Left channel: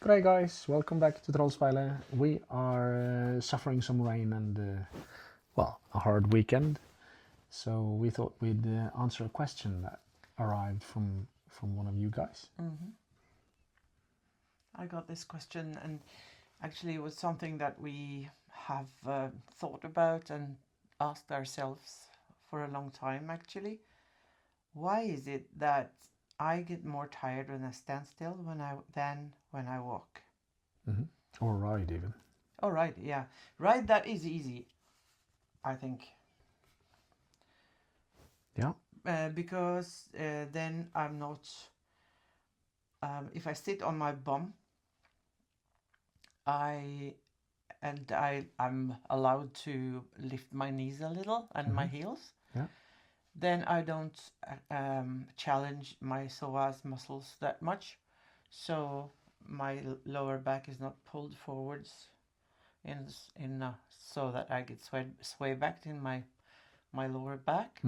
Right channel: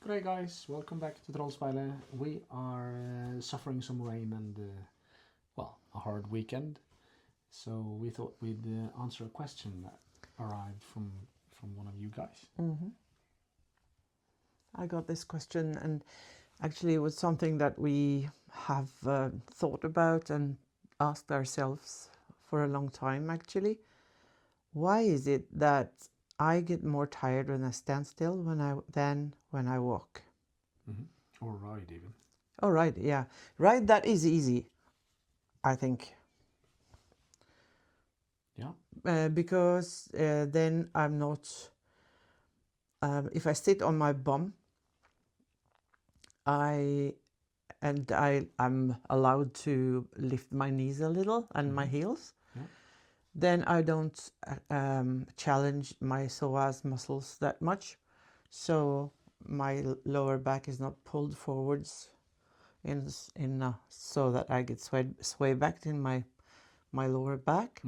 G'day guys, welcome back to Trollspeilet. We are suffering some rain and, a hard weekend. So we thought we'd answer a question that arrived from one of you guys. I got this question, and actually it was something that we have thought about and asked ourselves for a long time, actually. Why is it that I get more tired when I stand still than when I walk? Or ride even. Oh, right, yeah. Right, that is easy, I think. Yeah. Because then I'm not... if I sit on my bum, I'm allowed to lift my knees a little and my heels. Yeah. Then I don't challenge my psoas muscles that much, so my lower back is not pulled forwards so that I get sway back in my lower back,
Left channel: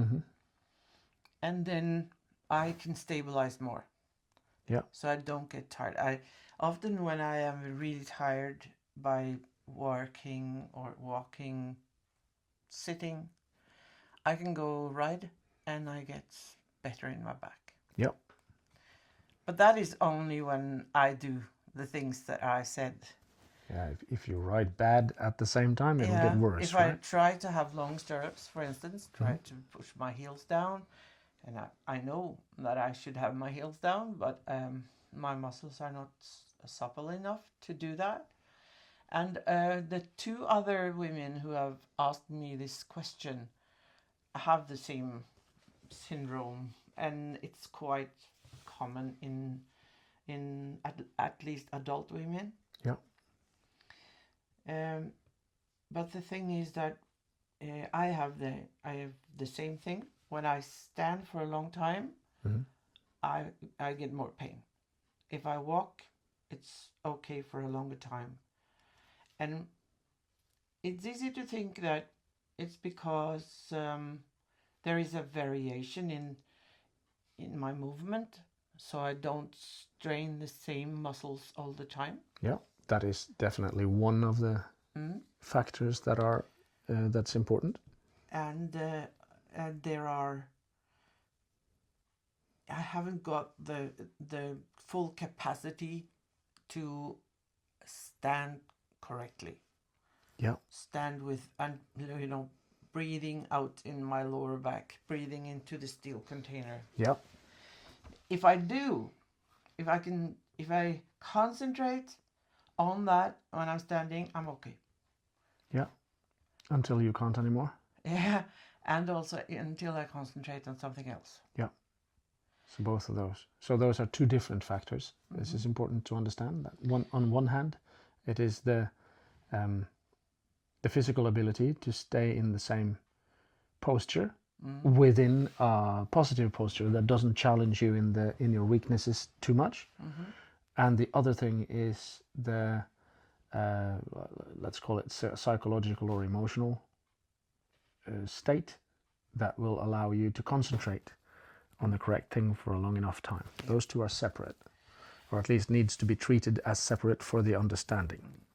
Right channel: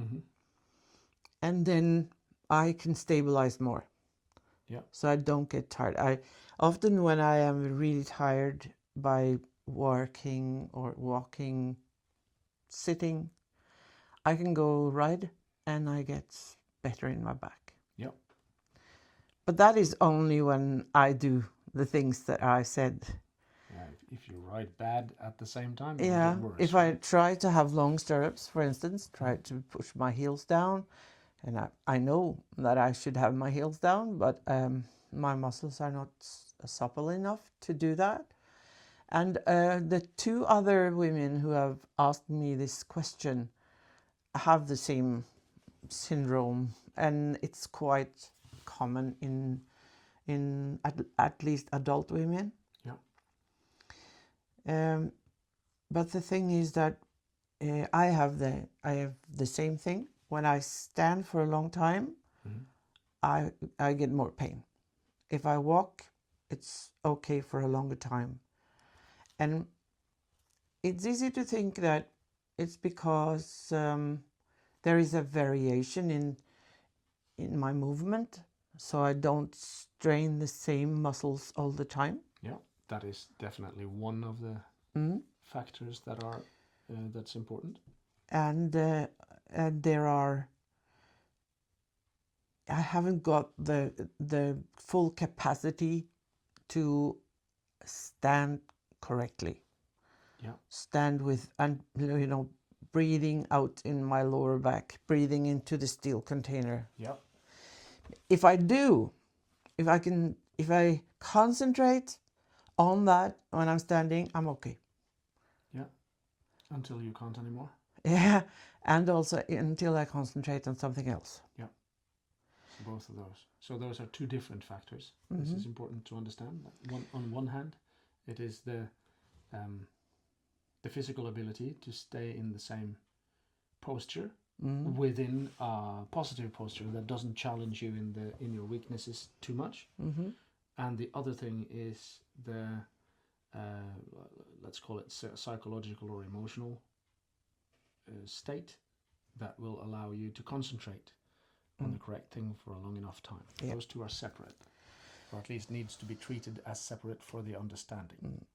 and then I can stabilize more. Yeah. So I don't get tired. I often, when I am really tired by working or walking, sitting, I can go ride and I get better in my back. Yep. But that is only when I do the things that I said. Yeah. If you ride bad at the same time, it'll get worse. If I try to have long stirrups, for instance, try to push my heels down, and I know that I should have my heels down, but my muscles are not supple enough to do that. And the two other women who have asked me this question have the same syndrome, and it's quite common in at least adult women. Yeah. But the thing is that I have the same thing. When I stand for a long time, I get more pain. If I walk, it's okay for a longer time. And it's easy to think that it's because there is a variation in my movement, so I don't strain the same muscles all the time. Yeah. That is definitely one of the factors that are that's important. And there are... I haven't got the full capacity to stand correctly. Yeah. Stand with, and breathing out in my lower back, breathing into the steel container. Yeah. If I concentrate on that when I'm standing, I'm okay. Yeah. Until you can't anymore. Yeah, and also until I concentrate on something else. Yeah. So both of those. So those are two different factors. This is important to understand. That on one hand, it is the physical ability to stay in the same posture within a positive posture that doesn't challenge you in your weaknesses too much. And the other thing is the let's call it psychological or emotional state that will allow you to concentrate on the correct thing for a long enough time. Yeah. Those two are separate, or at least needs to be treated as separate for the understanding.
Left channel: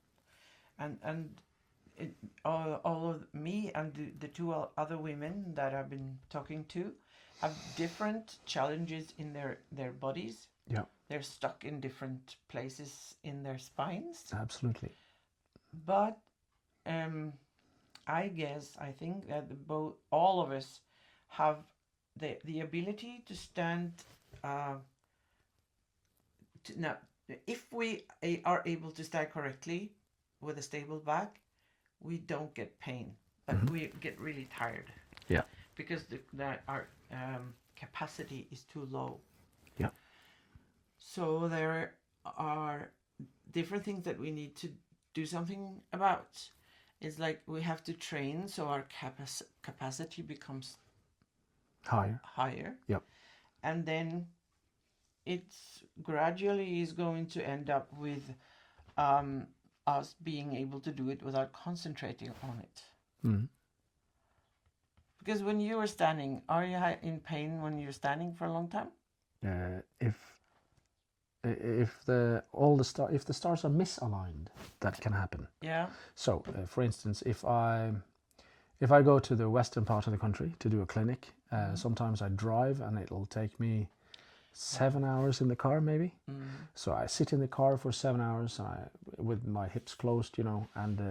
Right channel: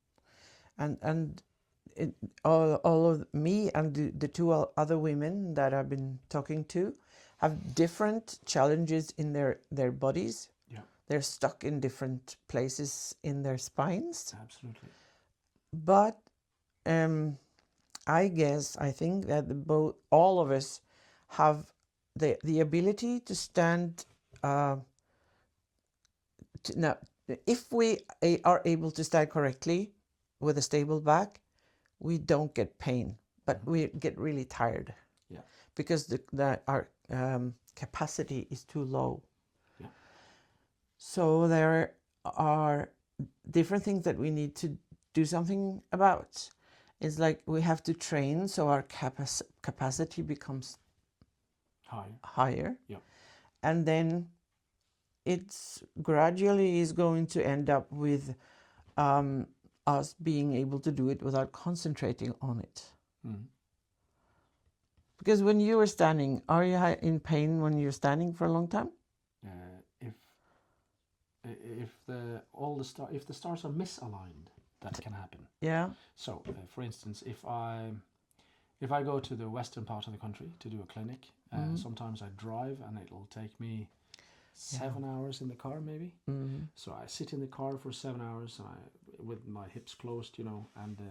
And all of me and the two other women that I've been talking to have different challenges in their bodies. Yeah. They're stuck in different places in their spines. Absolutely. But I think that all of us have the ability to stand. Now, if we are able to stand correctly with a stable back, we don't get pain, but we get really tired. Yeah. Because our capacity is too low. Yeah. So there are different things that we need to do something about. It's like we have to train so our capacity becomes higher. Yeah. And then it's gradually is going to end up with us being able to do it without concentrating on it. Because when you are standing, are you in pain when you're standing for a long time? if the stars are misaligned, that can happen. Yeah. So, for instance, if I go to the western part of the country to do a clinic, sometimes I drive and it'll take me 7 hours in the car maybe. So I sit in the car for 7 hours, with my hips closed, and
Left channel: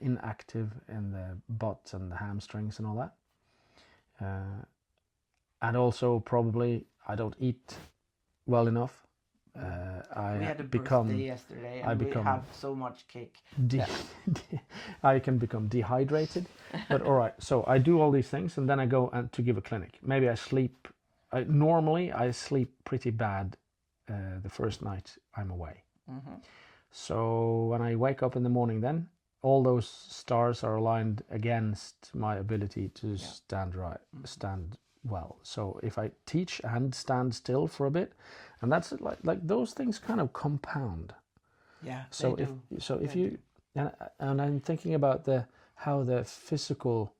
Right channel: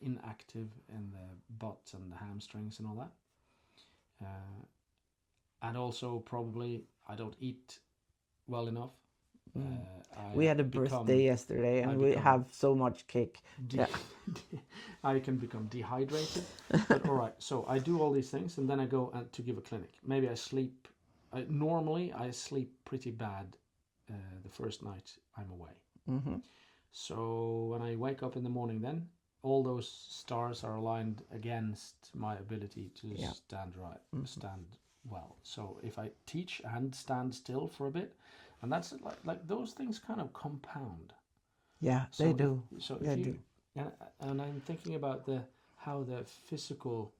inactive in the butt and the hamstrings and all that. And also probably I don't eat well enough. We had a birthday yesterday, and we have so much cake. I can become dehydrated. But all right, so I do all these things, and then I go to give a clinic. Maybe I sleep. Normally, I sleep pretty bad the first night I'm away. So when I wake up in the morning, then all those stars are aligned against my ability to stand well. So if I teach and stand still for a bit, and that's like those things kind of compound. Yeah, so they do. If you and I'm thinking about how the physical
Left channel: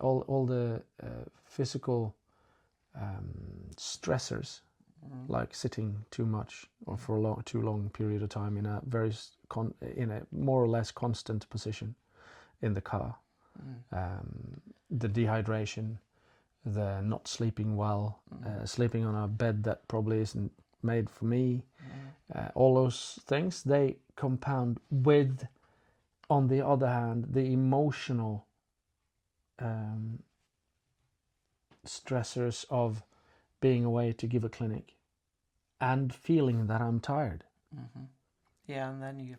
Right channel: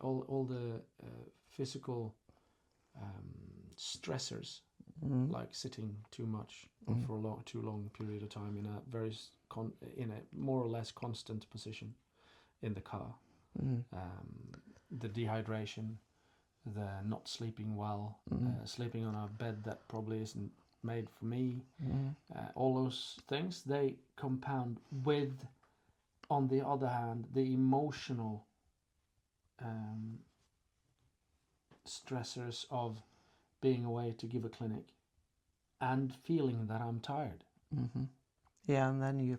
all the physical stressors, like sitting too much or for a too long period of time in a more or less constant position in the car, the dehydration, the not sleeping well, sleeping on a bed that probably isn't made for me, all those things, they compound with, on the other hand, the emotional stressors of being away to give a clinic and feeling that I'm tired. Yeah,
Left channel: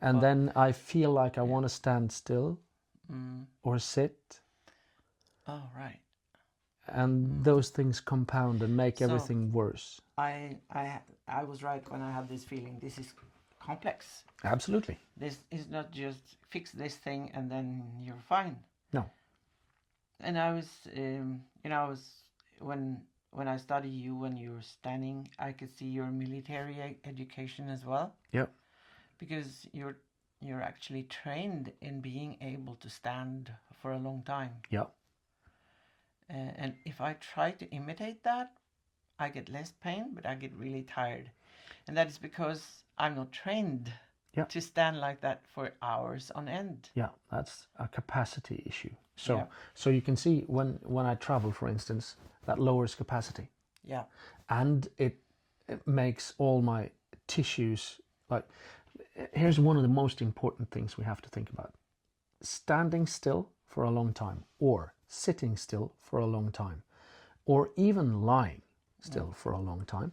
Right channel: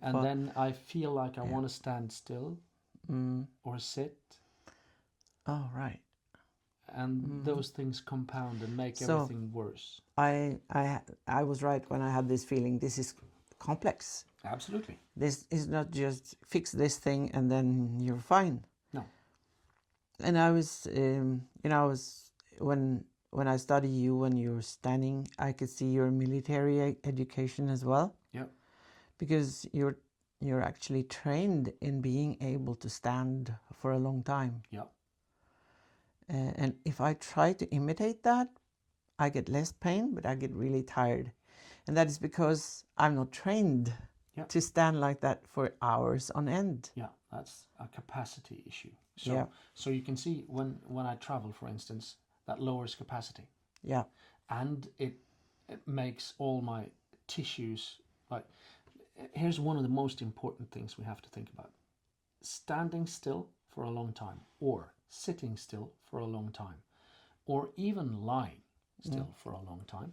and then I feel like I want to stand still or sit. Oh, right. And those things compound and make everything worse. I was right when I had this feeling. This is complex. Absolutely. This is not just fix this thing and then you're fine. No. And I was, when I study you when you're standing, I could see your military education as well. Yep. Because you're actually trained in being able to stand for a long time. Yep. And if I try to imitate that, I get less pain, but I get really tired. And that is because I'm not trained to stand like that for hours on end. Yeah, that's a capacity issue. So you can see when I travel, for instance, that lowers capacity. Yeah. And it makes all my tissues, like, here's one of the most important things we have to think about. Standing still for a long time, or sitting still for a long time, or even lying still for a long time.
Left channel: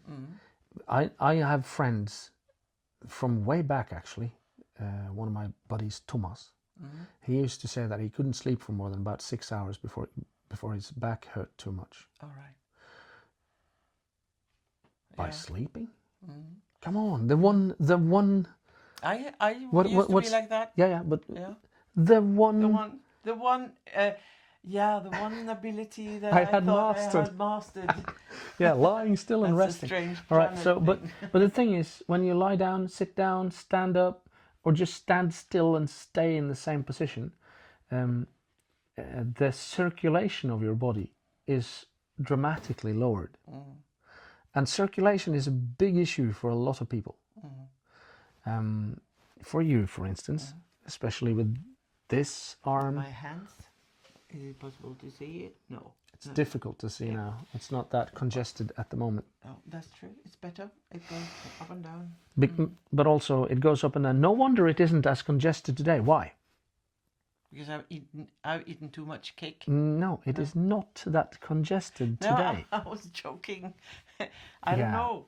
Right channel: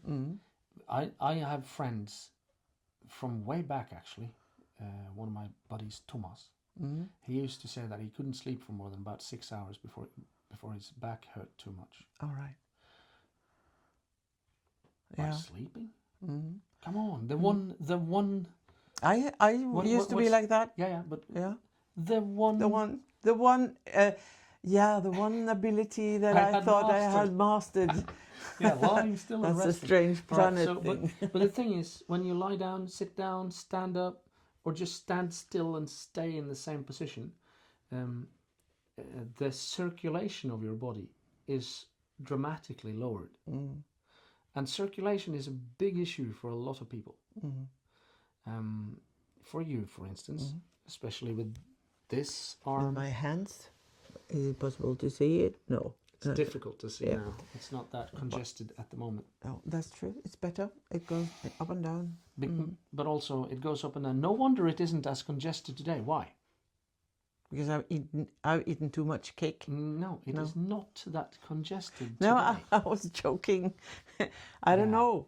I have friends from way back, actually. One of my buddies, Thomas, he used to say that he couldn't sleep for more than about 6 hours before his back hurt too much. All right. By sleeping? Come on, the one. I used to be like that. Yeah, but the one ability that I thought I had mastered. Yeah, lying still and resting. That's a strange planet. Right, but the thing is, when you lie down, sit down, stand up, or just stand still and stay in the same position, the circulation of your body is dramatically lowered. And circulation is a big issue for a lot of people. For you, for instance, especially with this arm. My hands. Is it possible to see it? No. It's difficult to see now. It's not that congested at the moment. No, that's true. It's better. It goes up and down. But also it goes up and down. No wonder it isn't as congested today. Why? Because I've eaten too much cake. No, it is not that congested today. No, I was joking. I don't know.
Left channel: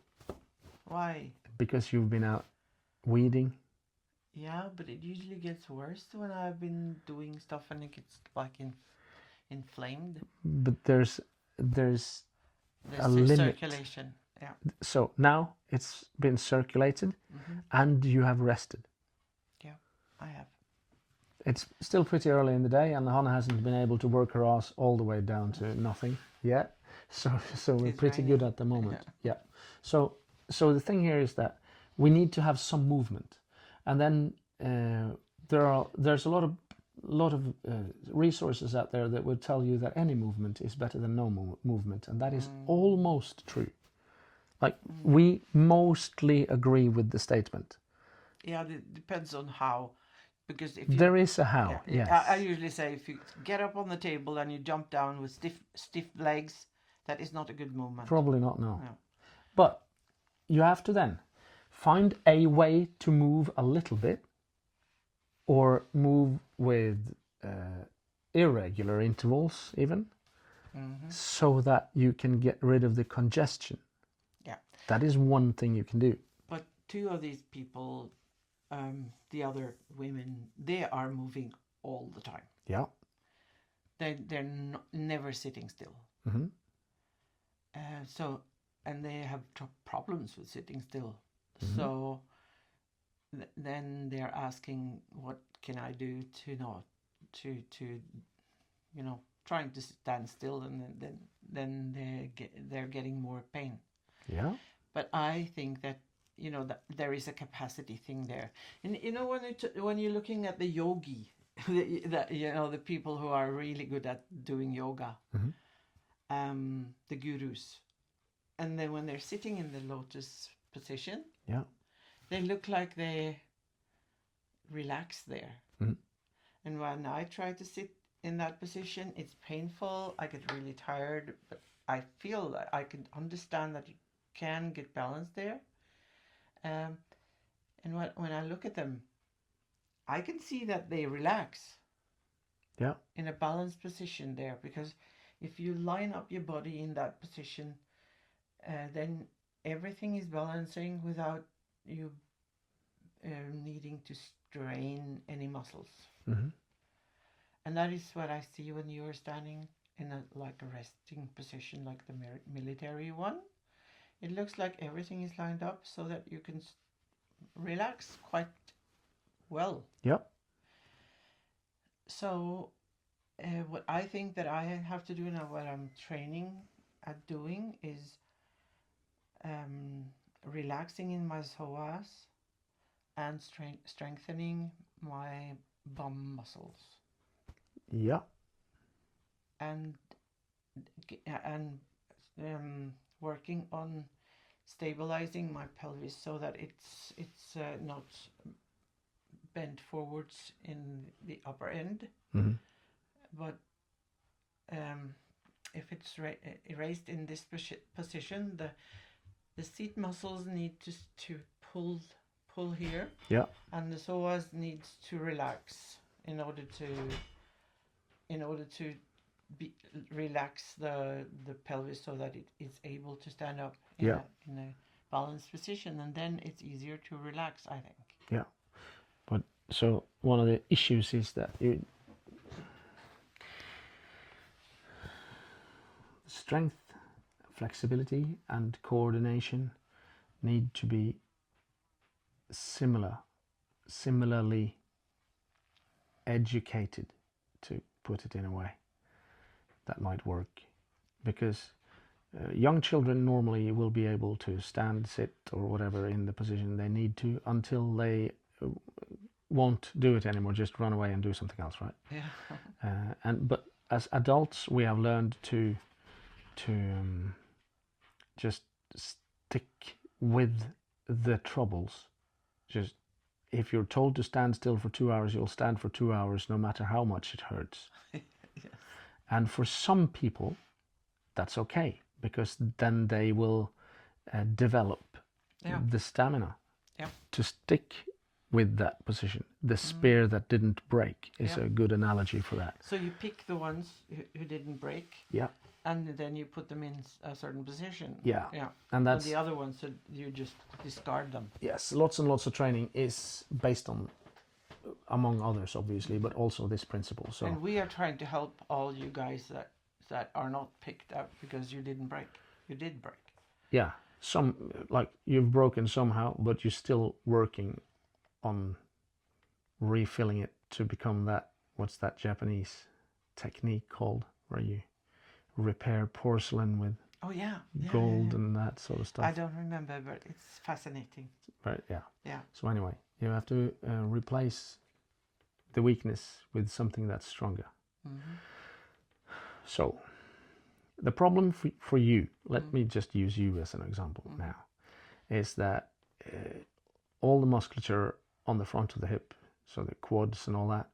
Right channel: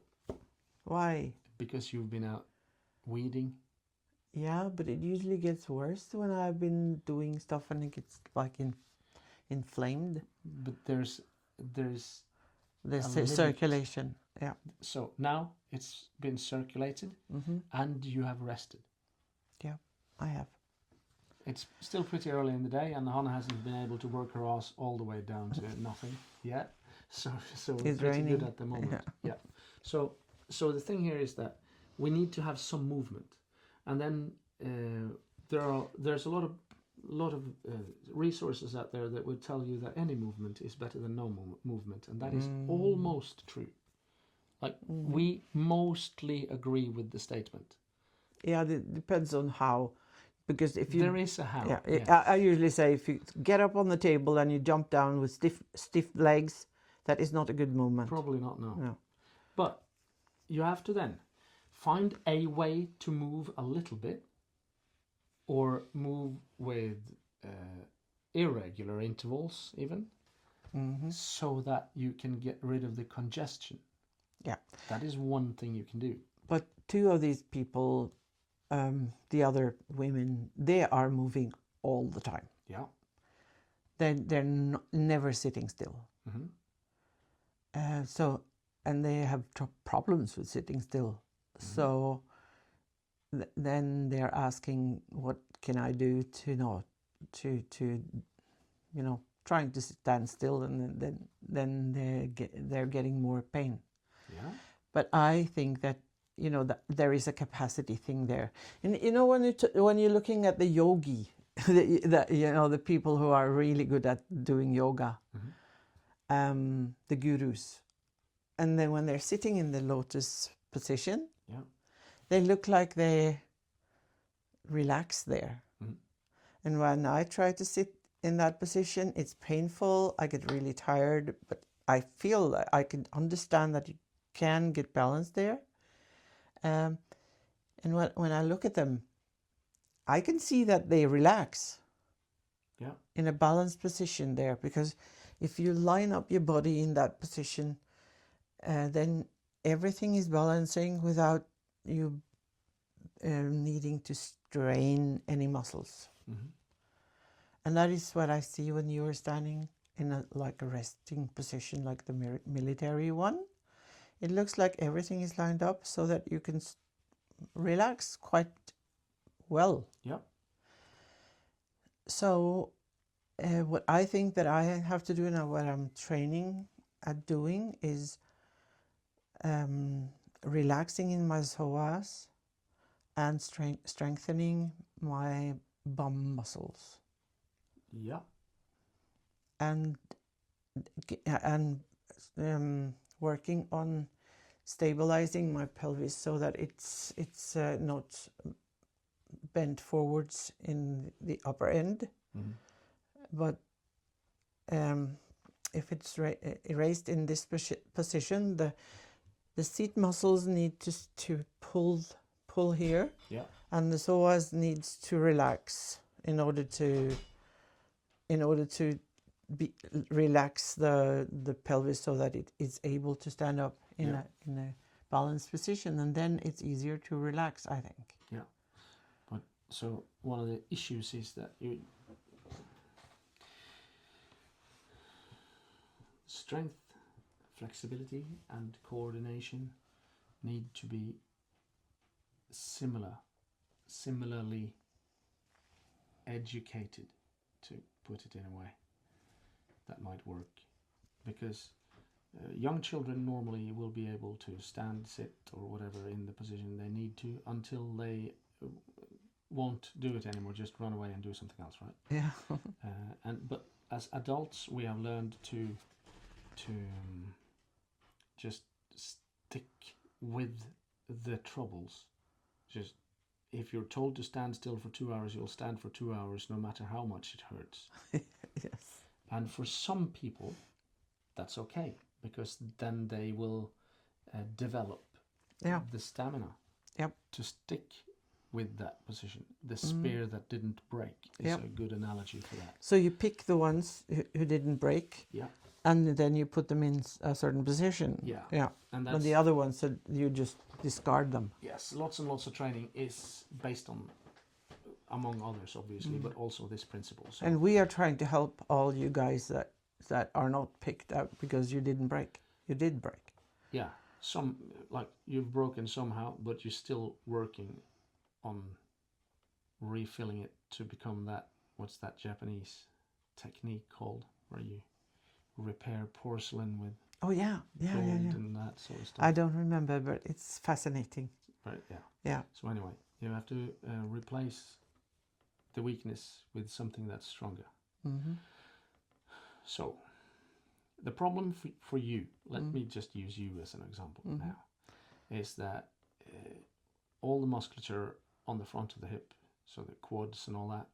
Why? Because you've been out weeding. Yeah, but it usually gets worse when I've been doing stuff and it gets like inflamed. But there's a limit. Circulation. Yeah. So now it's been circulated and you have rested. Yeah, I have. It's still pretty early in the day and Hannah hasn't been able to work her ass all the way down to nothing yet. So we're it's pretty raining. good at the moment. Yeah. So the thing here is that we need to have some movement. And then there's a lot of resources out there that would tell you that any movement is better than no movement, and that is almost true. Like we mostly agree with the statement. Yeah, it depends on how, because if you There is a how. yeah, Yes. I usually say if you get up on the table and you jump down with stiff legs, that is not a good movement. Probably not, no. No. But you have to then find a way to move a little bit, or move with irregular intervals even, so that you can get rid of the congestion. Yeah. That is one thing you can do. But two of these people, the other women, they are moving all the time. Yeah. They're never sitting still. So, and they have problems with sitting still. So then they're asking, what can I do to not to trying to stand still, and then they're getting more pain. Yeah. But I think that that there is a capacity thing there, and when you're looking at the yogi, the people who are really good at doing yoga, the gurus, and then when they're sitting in the lotus position, Yeah. they look like they relax there. And when I try to sit in that position, it's painful. I get really tired, but I feel that I can understand that you can get balance there. And when I look at them, I can see that they relax. Yeah. In a balanced position there, because if you line up your body in that position, then everything is balancing without you needing to strain any muscles. And that is what I see when you are standing in a resting position, like the military one. It looks like everything is lined up so that you can relax quite well. Yep. So what I think that I have to do now, what I'm training at doing, is relaxing in my psoas and strengthening my bum muscles. Yeah. And working on stabilizing my pelvis so that it's not bent forwards in the upper end, but if it's raised in this position, the seat muscles need to pull here. Yeah. And the psoas needs to relax in order to relax the pelvis so that it is able to stand up in a balanced position, and then it's easier to relax, I think. Yeah. But so one of the issues is that strength, flexibility, and coordination need to be similarly educated, to put it in a way that might work, because young children normally will be able to stand, sit, or whatever in the position they need to until they won't do it anymore, just run away and do something else, right? Yeah. But as adults, we have learned to just stick with the troubles. Just if you're told to stand still for 2 hours, you'll stand for 2 hours no matter how much it hurts. Yes. And for some people, that's okay, because then they will develop the stamina to stick with that position. The spear that didn't break is a good analogy for that. So you pick the ones who didn't break. Yeah. And then you put them in a certain position. Yeah. Yeah. And that's the other ones, so you just discard them. Yes, lots and lots of training is based on, among others, obviously, but also this principle. So. And we are trying to help all you guys that are not picked out because you didn't break. You did break. Yeah, some, like, you've broken somehow, but you're still working on refilling it to become that, what's that Japanese technique called, where you repair porcelain with gold and that sort of stuff. I don't remember, but it's fascinating. Right, yeah. Yeah. So anyway, you have to replace the weakness with something that's stronger. So the problem for you, let me just use you as an example now, is that all the musculature on the front of the hip, so the quads and all that,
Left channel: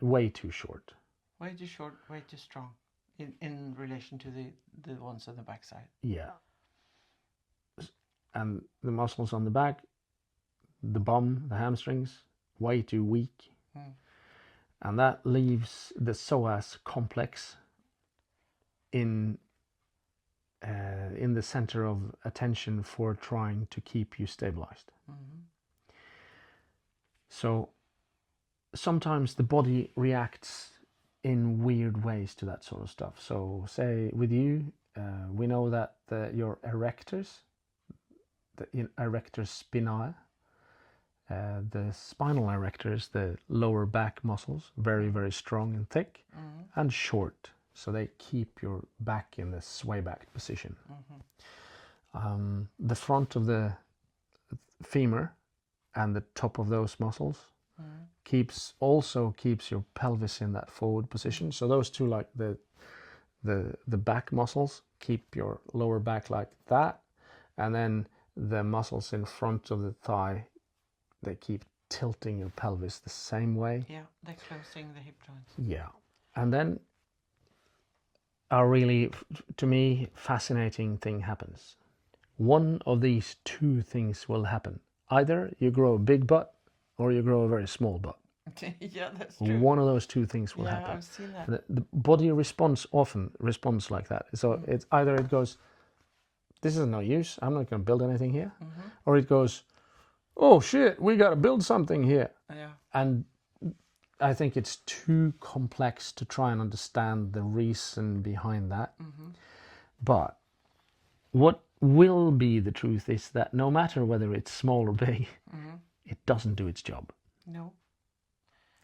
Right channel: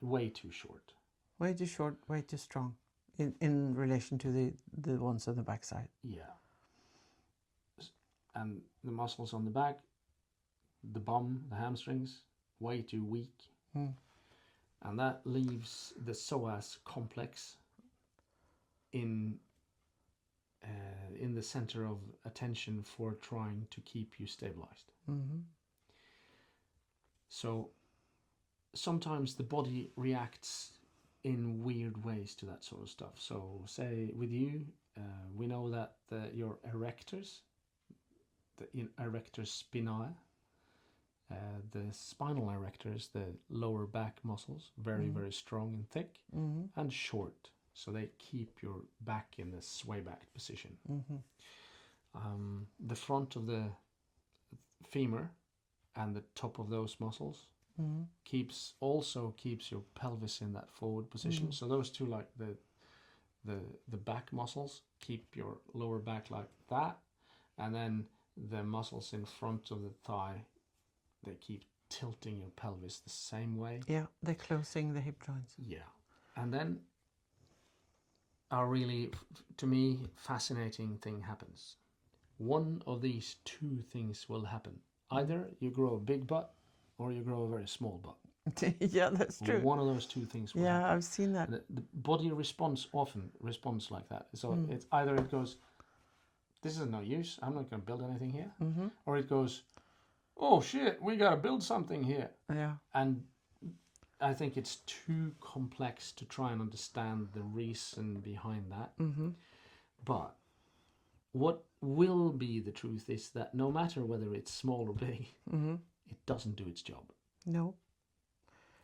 way too short. Way too short, way too strong in relation to the ones on the backside. Yeah. And the muscles on the back, the bum, the hamstrings, way too weak. And that leaves the psoas complex in the center of attention for trying to keep you stabilized. So sometimes the body reacts in weird ways to that sort of stuff. So say with you, we know that your erectors, the erectors spinae, the spinal erectors, the lower back muscles, very, very strong and thick, and short. So they keep your back in the sway back position. The front of the femur and the top of those muscles also keeps your pelvis in that forward position. So those two, like the back muscles, keep your lower back like that, and then the muscles in front of the thigh, they keep tilting your pelvis the same way. Yeah, they're closing the hip joints. Yeah. And then a really, to me, fascinating thing happens. One of these two things will happen. Either you grow a big butt or you grow a very small butt. Yeah, that's true. One of those two things will happen. Yeah, I've seen that. The body often responds like that. So it's either it goes, this is no use, I'm not going to build anything here. Or it goes, oh shit, we got to build something here. Yeah. And I think it's too complex to try and understand the reason behind that. But what will be the truth is that no matter whether it's small or big, it doesn't do its job. No.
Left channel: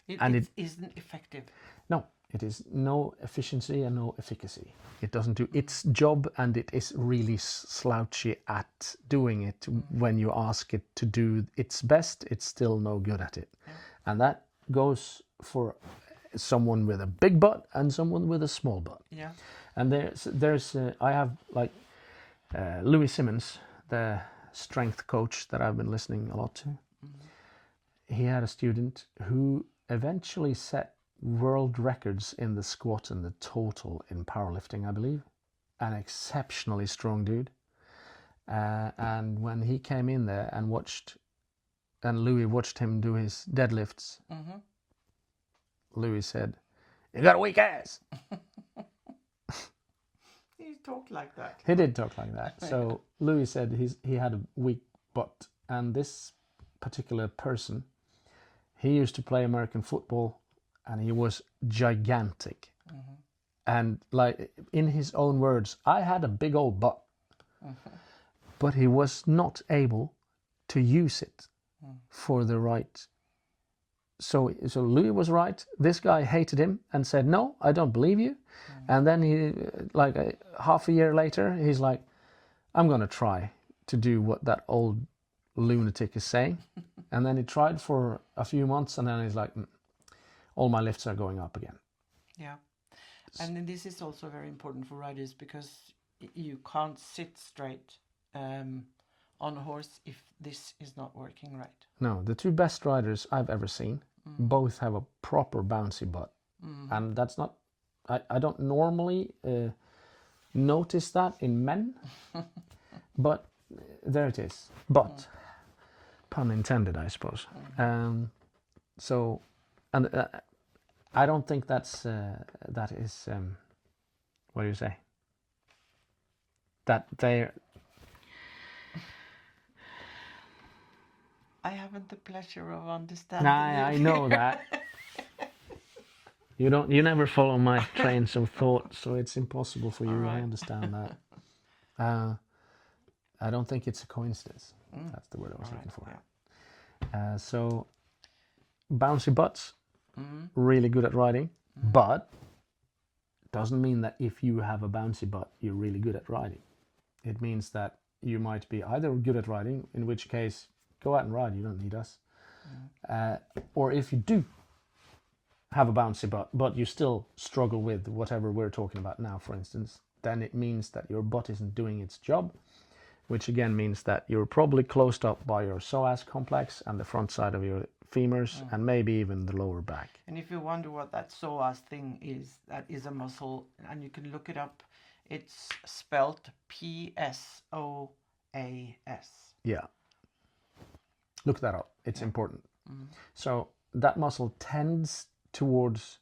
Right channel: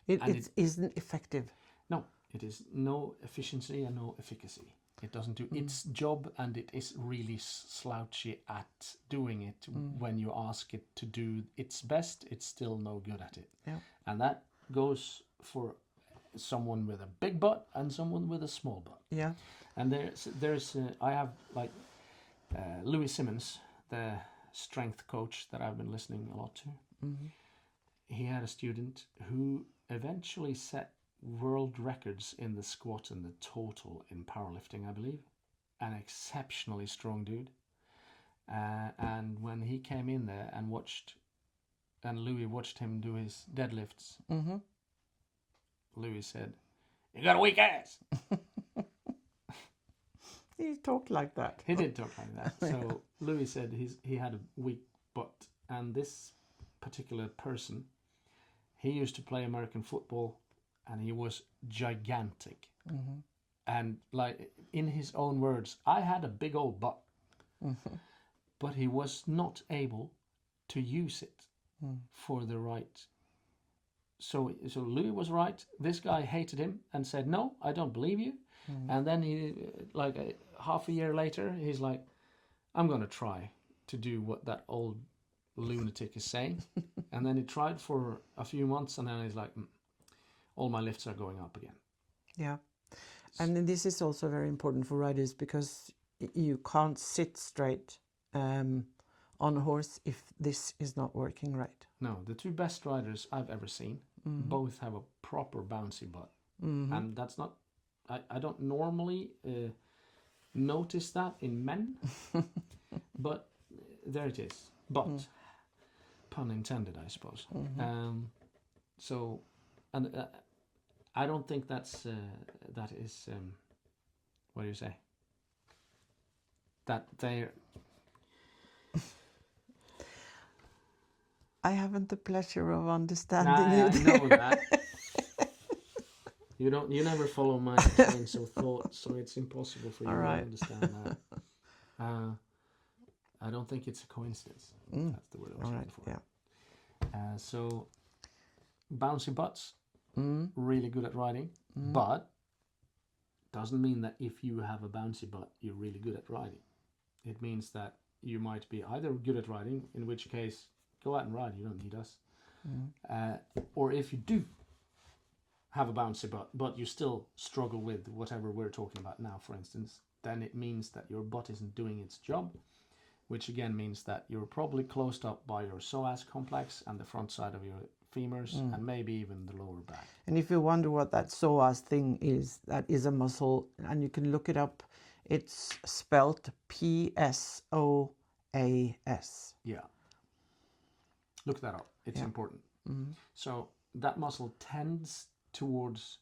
It isn't effective. No, it is no efficiency and no efficacy. It doesn't do its job, and it is really slouchy at doing it. When you ask it to do its best, it's still no good at it. Yeah. And that goes for someone with a big butt and someone with a small butt. Yeah. And I have like Louis Simmons, the strength coach that I've been listening a lot to. He had a student who eventually set world records in the squat and the total in powerlifting, I believe. An exceptionally strong dude. And when he came in there and Louis watched him do his deadlifts, Louis said, "You got a weak ass." He talked like that. He did talk like that. So Louis said he had a weak butt, and this particular person, he used to play American football, and he was gigantic. And like in his own words, I had a big old butt, but he was not able to use it for the right. So Louis was right. This guy hated him and said, "No, I don't believe you." And then he, like half a year later, he's like, "I'm going to try to do what that old lunatic is saying." And then he tried for a few months, and then he's like, all my lifts are going up again. Yeah. And this is also very important for riders, because you can't sit straight on a horse if this is not working right. No, the two best riders I've ever seen both have a proper bouncy butt. And that's not, I don't normally notice that in men, but there it is. But, pun intended, I suppose. I don't think that is, what do you say? That they're... I haven't the pleasure of understanding I it. know that. You never follow my trains of thought, so it's impossible for you to understand that. I don't think it's a coincidence. That's the word I was looking for. Yeah. So, bouncy butts, really good at riding, but doesn't mean that if you have a bouncy butt, you're really good at riding. It means that you might be either good at riding, in which case, go out and ride, you don't need us. Or if you do have a bouncy butt, but you still struggle with whatever we're talking about now, for instance, then it means that your butt isn't doing its job, which again means that you're probably closed up by your psoas complex and the front side of your femurs and maybe even the lower back. And if you wonder what that psoas thing is, that is a muscle, and you can look it up. It's spelled PSOAS. Yeah. Look that up. It's important. So that muscle tends towards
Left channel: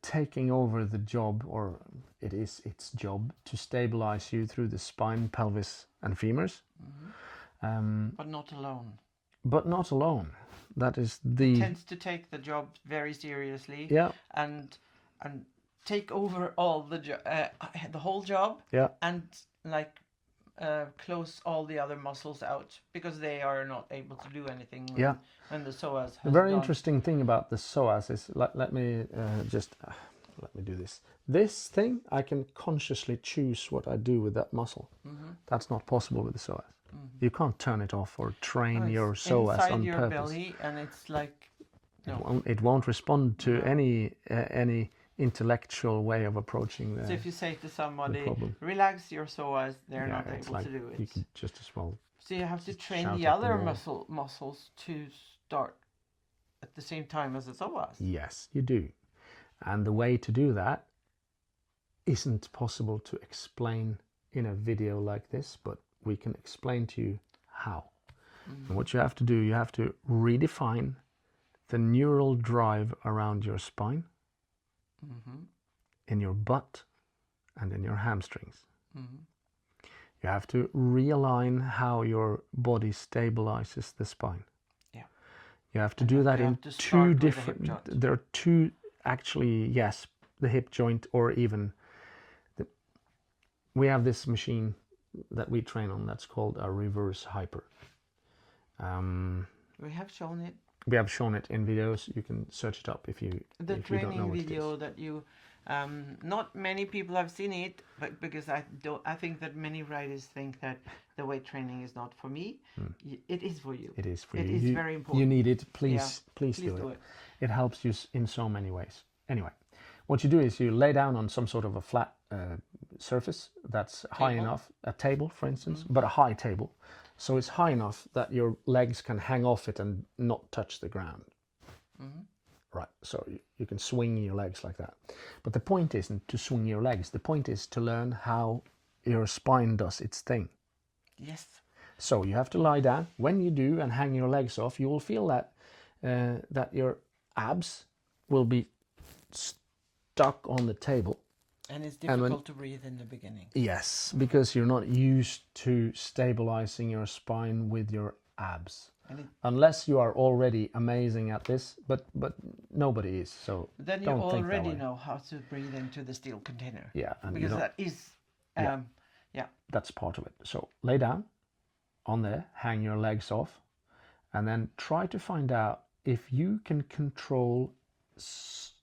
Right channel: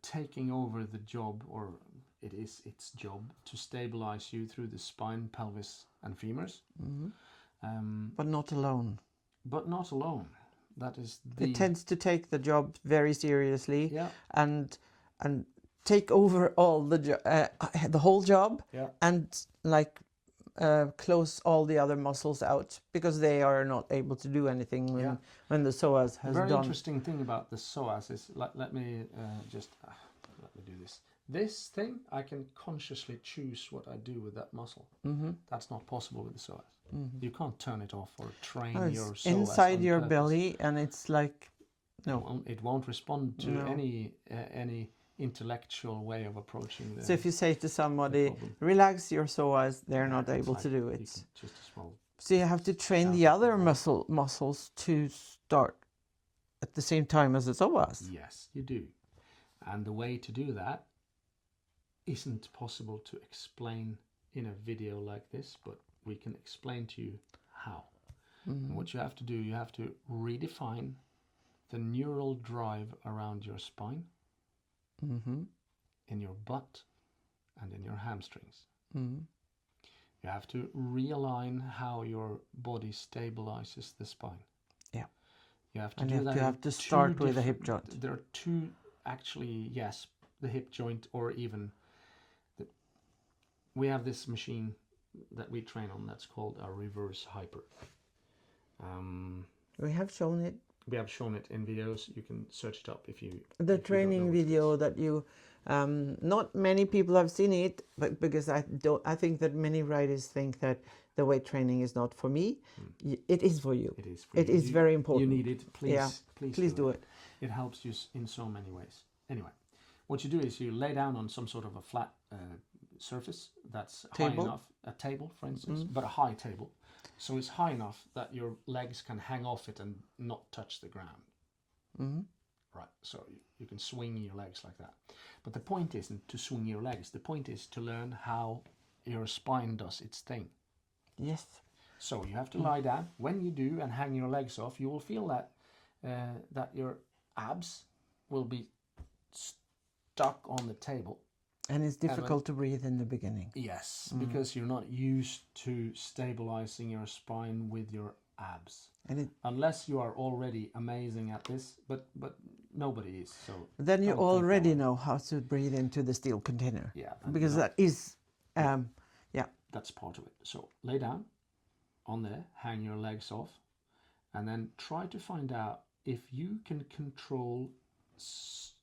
taking over the job, or it is its job, to stabilize you through the spine, pelvis, and femurs. But not alone. But not alone. That is the... It tends to take the job very seriously. Yeah. And take over all the whole job. Yeah. And like close all the other muscles out because they are not able to do anything when the psoas has Very done. interesting thing about the psoas is, let me do this. This thing, I can consciously choose what I do with that muscle. That's not possible with the psoas. You can't turn it off or train your psoas inside on your purpose. belly, and it's like It won't respond to any intellectual way of approaching the... So if you say to somebody, problem. relax your psoas, they're not it's able like to do You it. can just as well... So you have to train shout the at other them all. muscles to start at the same time as the psoas. Yes, you do. And the way to do that isn't possible to explain in a video like this, but we can explain to you how. And what you have to do, you have to redefine the neural drive around your spine, in your butt, and in your hamstrings. You have to realign how your body stabilizes the spine. Yeah. You have to And do you that in have to two start with the different... hip joint. There are two, actually, yes, the hip joint, or even... We have this machine that we train on that's called a reverse hyper. We have shown it. We have shown it in videos. You can search it up if you... The if you don't know training what it video is. that you... not many people have seen it, but because I think that many riders think that the weight training is not for me. It is for you. It is for you. It is very important. You need it. Please, Yeah. please do it. It helps you in so many ways. Anyway, what you do is you lay down on some sort of a flat surface that's high Table? enough, a table, for instance, but a high table. So it's high enough that your legs can hang off it and not touch the ground. Right, so you can swing your legs like that. But the point isn't to swing your legs. The point is to learn how your spine does its thing. Yes. So you have to lie down. When you do and hang your legs off, you will feel that that your abs will be stuck on the table. And it's difficult to breathe in the beginning. Yes, because you're not used to stabilizing your spine with your abs. Unless you are already amazing at this, but nobody is. So Then you don't think that already way. know how to breathe into the steel container. Yeah, and Because you know, that is, that's part of it. So lay down on there, hang your legs off, and then try to find out if you can control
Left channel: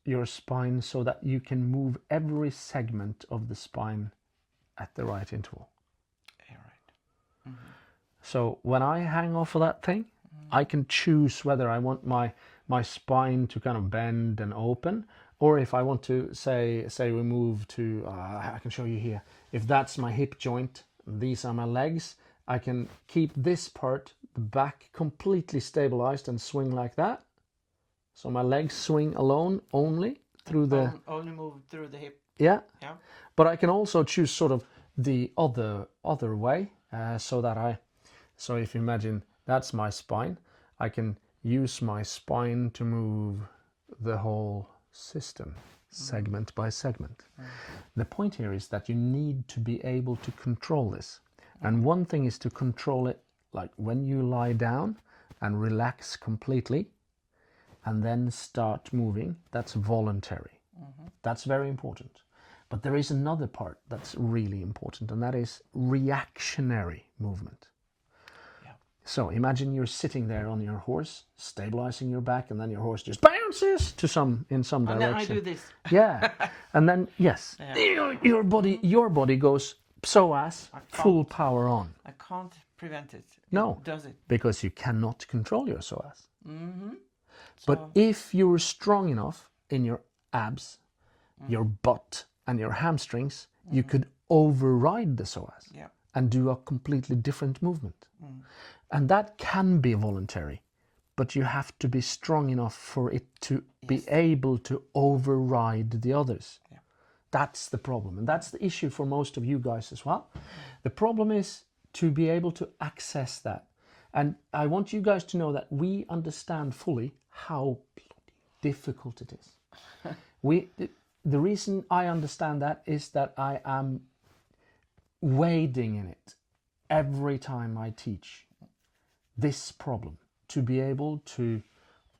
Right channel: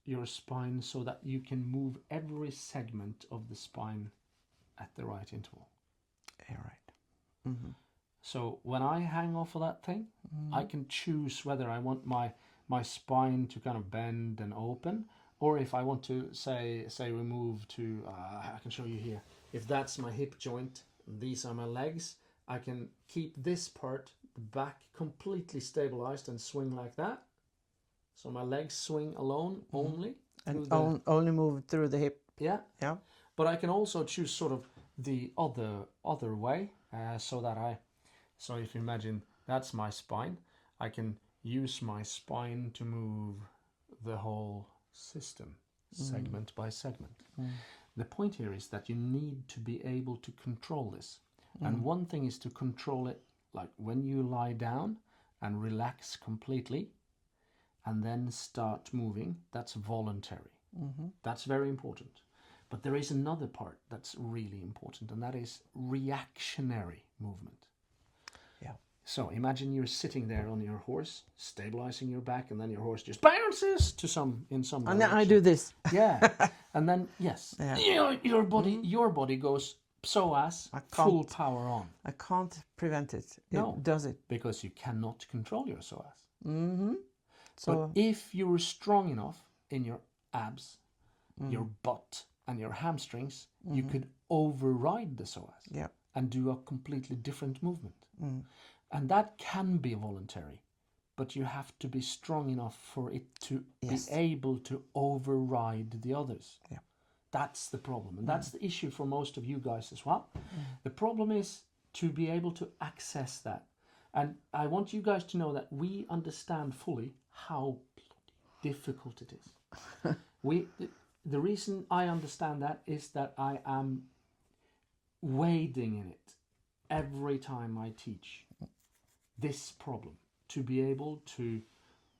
your spine so that you can move every segment of the spine at the right interval. yeah, right. So when I hang off of that thing, I can choose whether I want my spine to kind of bend and open, or if I want to say we move to, I can show you here, if that's my hip joint, these are my legs, I can keep this part, the back, completely stabilized and swing like that. So my legs swing alone only through the... Only move through the hip. Yeah. Yeah. But I can also choose sort of the other way, so if you imagine that's my spine, I can use my spine to move the whole system, segment by segment. The point here is that you need to be able to control this. And one thing is to control it, like when you lie down and relax completely and then start moving, that's voluntary. That's very important. But there is another part that's really important, and that is reactionary movement. Yeah. So imagine you're sitting there on your horse, stabilizing your back, and then your horse just bounces to in some And direction. then I do this. Yeah, and then yes, your body goes psoas, full power on. I can't prevent it. No. It does it. Because you cannot control your psoas. So, But if you're strong enough in your abs, your butt, and your hamstrings, you could override the psoas Yeah. and do a completely different movement. And that can be voluntary, but you have to be strong enough for it to be able to override the others. Yeah. That's the problem. And that's the issue for most of you guys as well. The problem is to be able to access that. And I want you guys to know that we understand fully how difficult it is. The reason I understand that is that I am wading in it every time I teach this problem, to be able to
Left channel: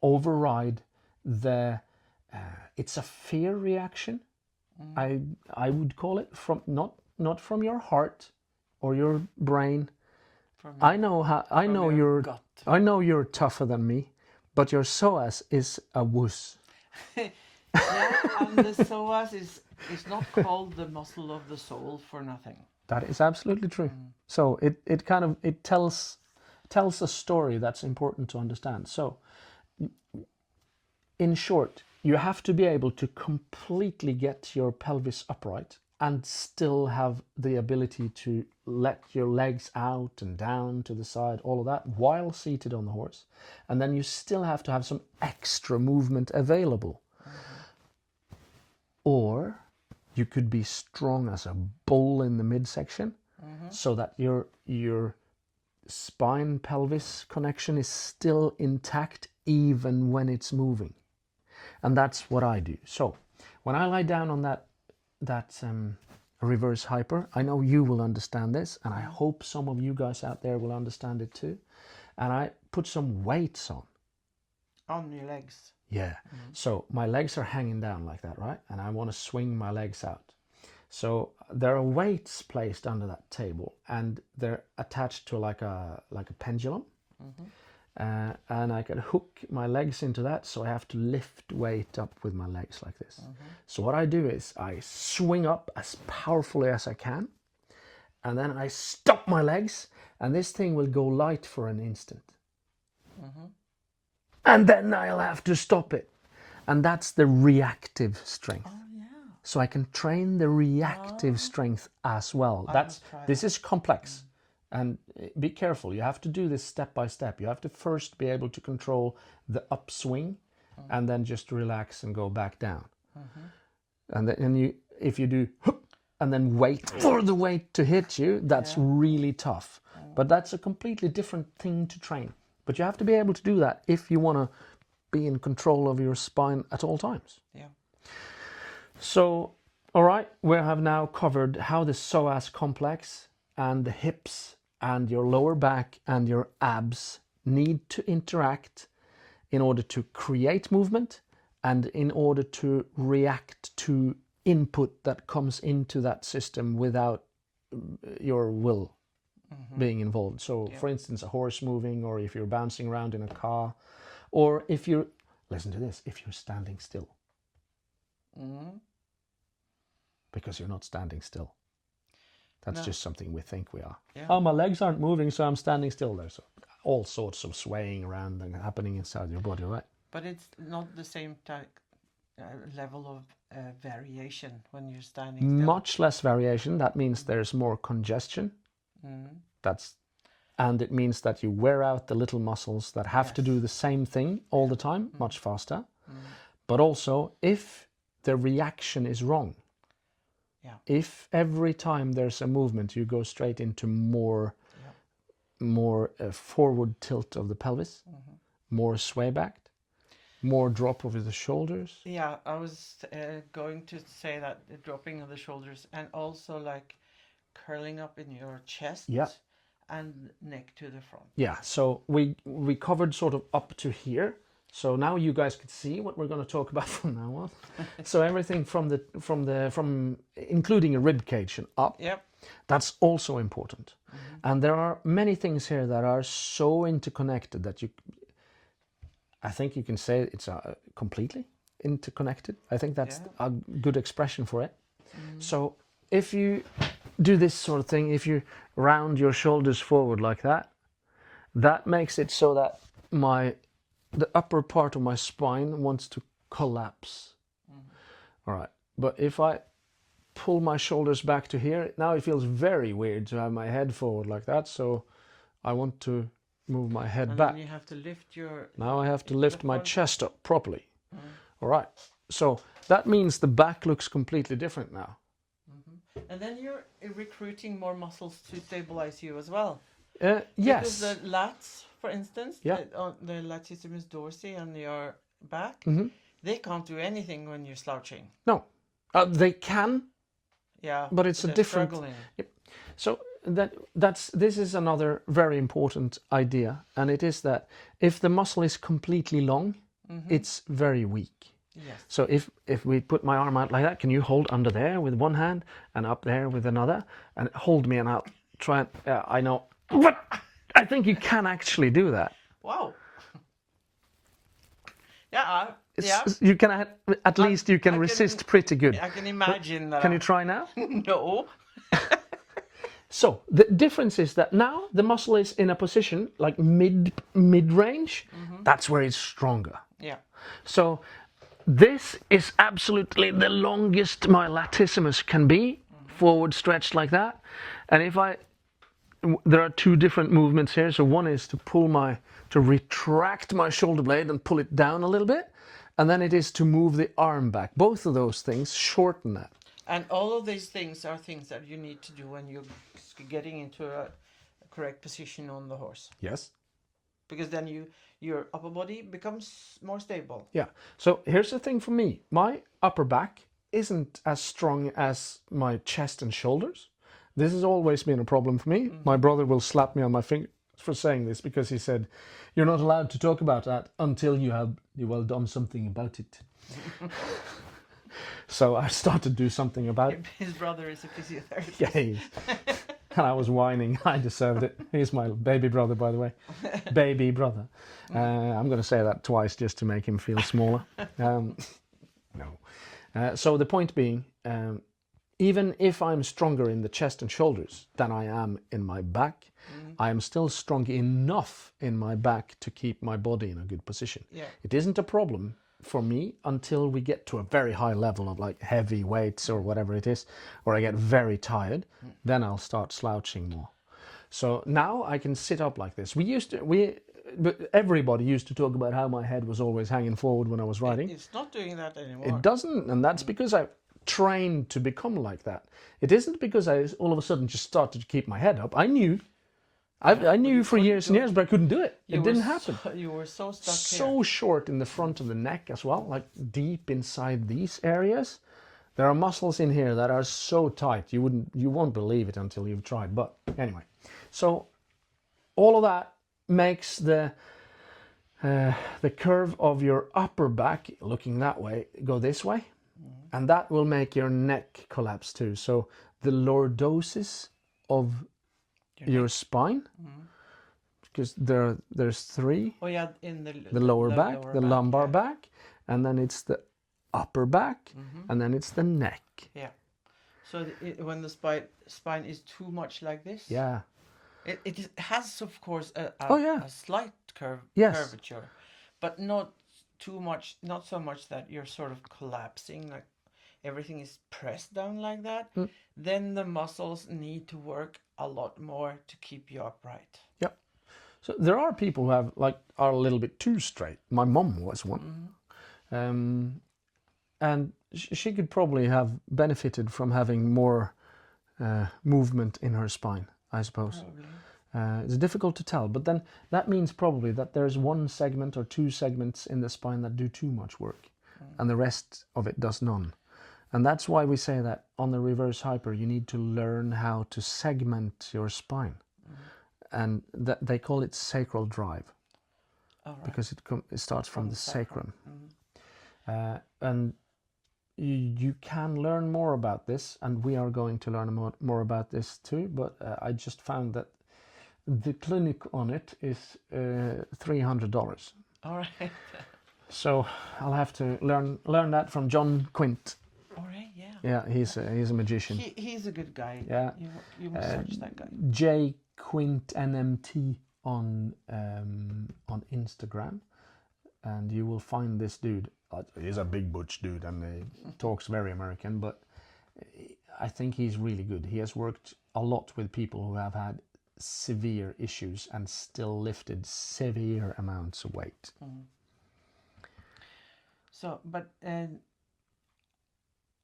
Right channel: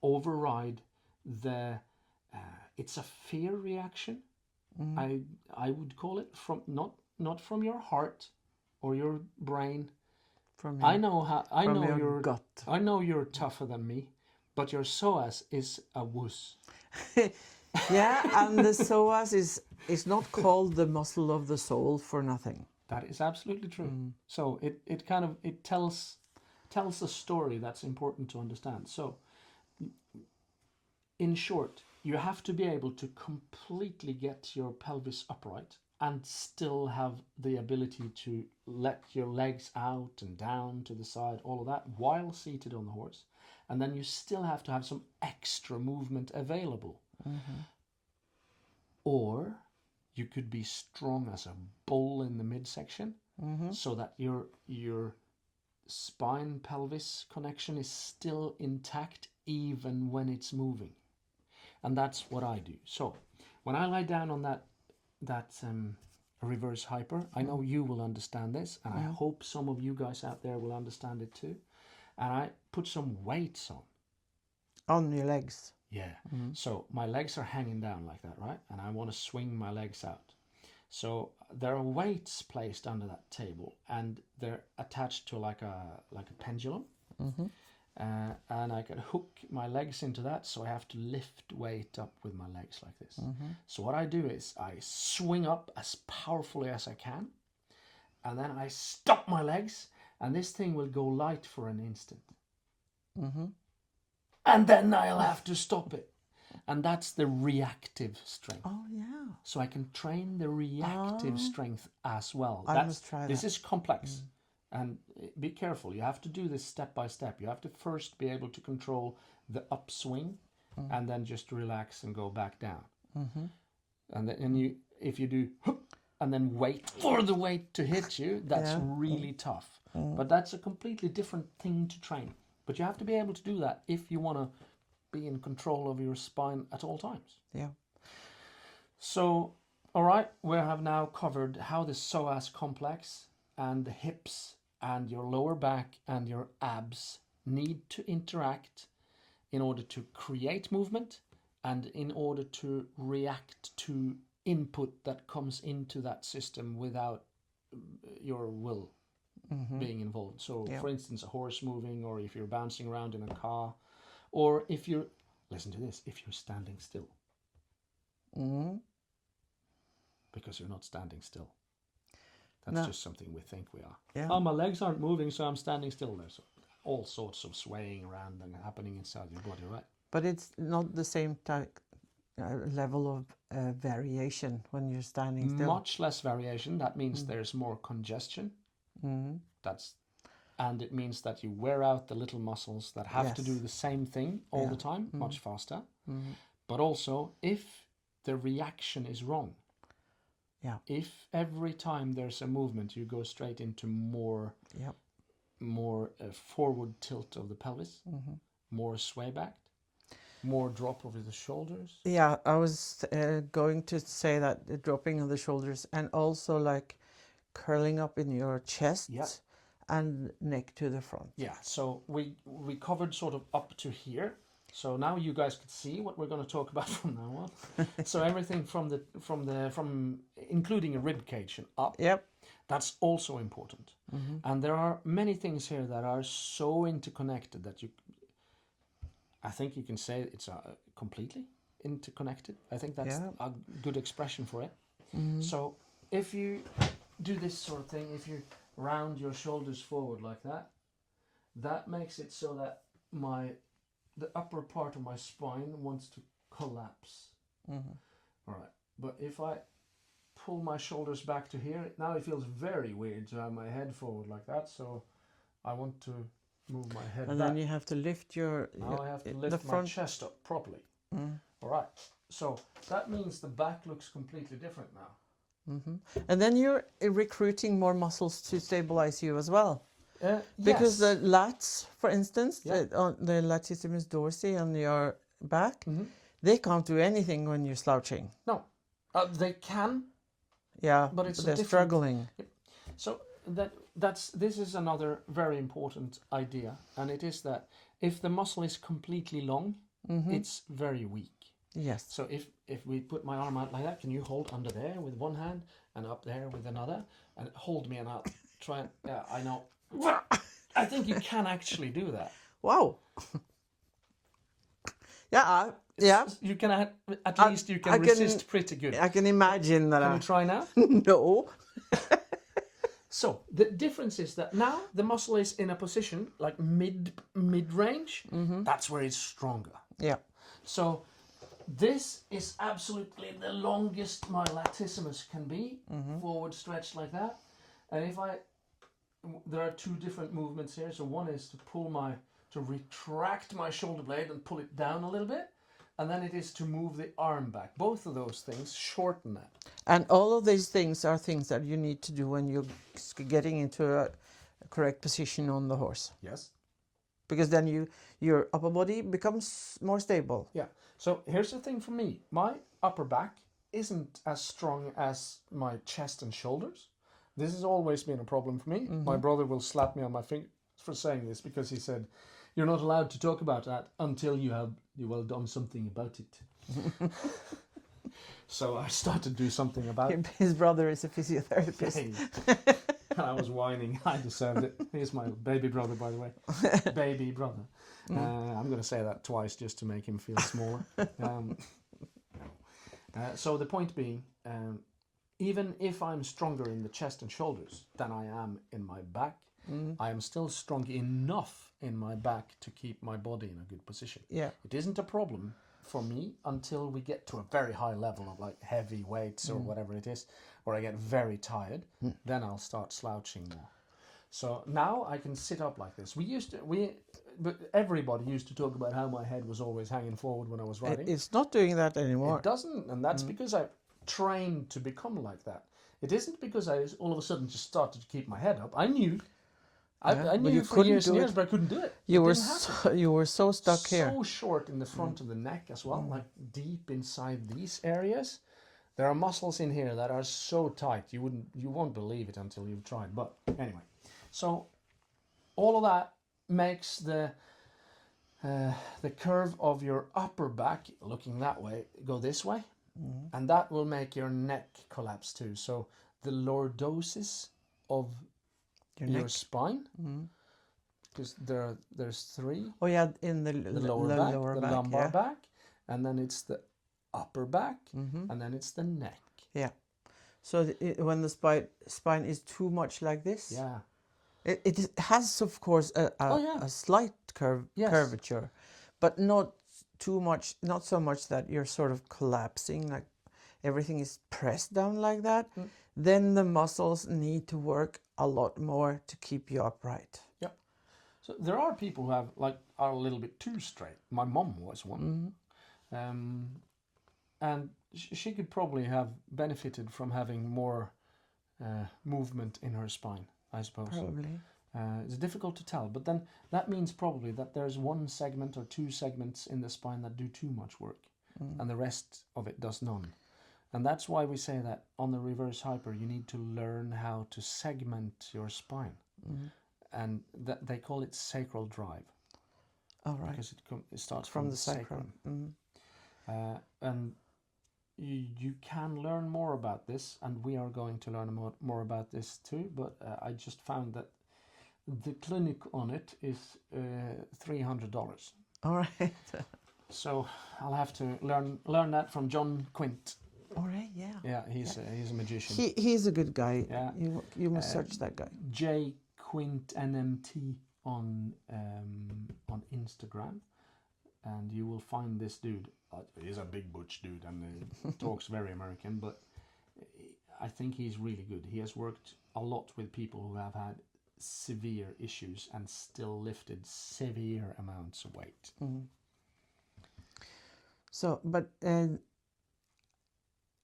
override the it's a fear reaction. I would call it, from not from your heart or your brain. I know you're gut. I know you're tougher than me, but your psoas is a wuss. Yeah, and the psoas is not called the muscle of the soul for nothing. That is absolutely true. So it tells a story that's important to understand. So in short, you have to be able to completely get your pelvis upright and still have the ability to let your legs out and down to the side, all of that, while seated on the horse. And then you still have to have some extra movement available. Or you could be strong as a bull in the midsection, so that your spine pelvis connection is still intact even when it's moving. And that's what I do. So when I lie down on that reverse hyper, I know you will understand this, and I hope some of you guys out there will understand it too. And I put some weights On your legs. Yeah. So my legs are hanging down like that, right? And I want to swing my legs out. So there are weights placed under that table, and they're attached to like a pendulum. And I can hook my legs into that, so I have to lift weight up with my legs like this. So what I do is I swing up as powerfully as I can, and then I stop my legs, and this thing will go light for an instant. And then I'll have to stop it. And that's the reactive strength. Oh, yeah. So I can train the reactive strength as well. This is complex. And be careful. You have to do this step by step. You have to first be able to control the upswing, and then just relax and go back down. And then if you do and then wait for the weight to hit you, that's really tough. But that's a completely different thing to train. But you have to be able to do that if you want to be in control of your spine at all times. Yeah. So, all right, we have now covered how the psoas complex and the hips and your lower back and your abs need to interact in order to create movement and in order to react to input that comes into that system without your will being involved. So for instance, a horse moving, or if you're bouncing around in a car, or if you're, listen to this, if you're standing still. Because you're not standing still. That's just something we think we are. Yeah. Oh, my legs aren't moving, so I'm standing still. There's all sorts of swaying around and happening inside your body, right? But it's not the same type level of variation when you're standing still. Much less variation. That means there's more congestion. And it means that you wear out the little muscles that have to do the same thing all the time, much faster. But also, if the reaction is wrong, if every time there's a movement you go straight into more forward tilt of the pelvis, more sway back, more drop over the shoulders. Yeah, I was going to say that, the dropping of the shoulders, and also like curling up in your chest and neck to the front. Yeah, so we covered sort of up to here. So now you guys can see what we're going to talk about from now on. So everything from including a rib cage and up. Yep. That's also important. And there are many things here that are so interconnected that I think you can say it's completely interconnected. I think that's a good expression for it. So if you do this sort of thing, if you round your shoulders forward like that, that makes it so that the upper part of my spine wants to collapse. All right, but if I pull my shoulders back to here. Now it feels very weird to have my head forward like that, so I want to move my head And back. then you have to lift your... Now I have to lift my front. chest up properly. All right, so that means the back looks completely different now. And then you're recruiting more muscles to stabilize you as well. Yes. Because the lats, for instance, Yeah. the latissimus dorsi on your back, they can't do anything when you're slouching. No, they can, Yeah, but it's a they're different. struggling. Yep. So this is another very important idea, and it is that if the muscle is completely long, it's very weak. Yes. So if we put my arm out like that, can you hold under there with one hand and up there with another, and hold me and I'll try and I know. I think you can actually do that. Wow. Yeah, yeah. You can at least you I can can- resist pretty good. I can imagine that. Can you try now? No. So the difference is that now the muscle is in a position like mid range. That's where it's stronger. Yeah. So this is absolutely the longest my latissimus can be, forward stretched like that. And if there are two different movements here. So one is to retract my shoulder blade and pull it down a little bit. And then it is to move the arm back. Both of those things shorten that. And all of these things are things that you need to do when you're getting into a correct position on the horse. Yes. Because then your upper body becomes more stable. Yeah. So here's the thing for me. My upper back isn't as strong as my chest and shoulders. This has always been a problem for me. My brother will slap me on my finger for saying this because he said, "You're not allowed to talk about that until you have done something about it." So I started to do something about it. His brother is a physiotherapist. Yeah. And I was whining. I deserved it. He's my baby brother, by the way. Baby brother. I'm going to say that twice just to make him feel smaller. No. So the point being, even if I'm stronger in the chest and shoulders than I am in my back, I am still strong enough in my back to keep my body in a good position. Yeah. It isn't a problem for me until we get to a very high level of like heavy weights or whatever it is, or I get very tired, then I'll start slouching more. So now I can sit up like this. But everybody used to talk about how my head was always hanging forward when I was riding. It's not doing that anymore. It doesn't, and that's because I trained to become like that. It isn't because I all of a sudden just started to keep my head up. I knew. I knew for years and years, but I couldn't do it. It didn't happen. You were so stuck here. So short in the front of the neck as well, like deep inside these areas. There are muscles in here that are so tight you won't believe it until you've tried. But anyway, so all of that makes the curve of your upper back looking that way go this way, and that will make your neck collapse too. So the lordosis of your spine, because there's three. Oh yeah, in The lower back, the lumbar yeah. back, and then it's the upper back, and then it's the neck. Yeah. So when the spine is too much like this, Yeah. it has of course a slight Yes. curvature, but not too much, not so much that you're sort of collapsing, like everything is pressed down like that. Then the muscles need to work a lot more to keep you upright. Yep. So there are people who are a little bit too straight. My mum was one, and she could probably have benefited from having more movement in her spine, I suppose. It's difficult to tell, but then that means probably that there's one segment or two segments in the spine that do too much work, and the rest of it does none. And that's why we say that on the reverse hyper, you need to learn how to segment your spine. And they call it sacral drive. All right. Because it starts from the sacrum. And you can learn more about this, and we are going to learn more about this too, but I just found that the clinic on it is $300. All right. So I'll have to learn that from John Quint. All right. Yeah. Yeah, he's a magician. He's a good guy. Yeah. You must search that guy. J Quint NMT on Instagram, and you will find this dude. He's a big butch dude, and he talks very American, but I think he's really good. He has worked a lot with people who have had severe issues and still lifted severe amounts of weight. So, but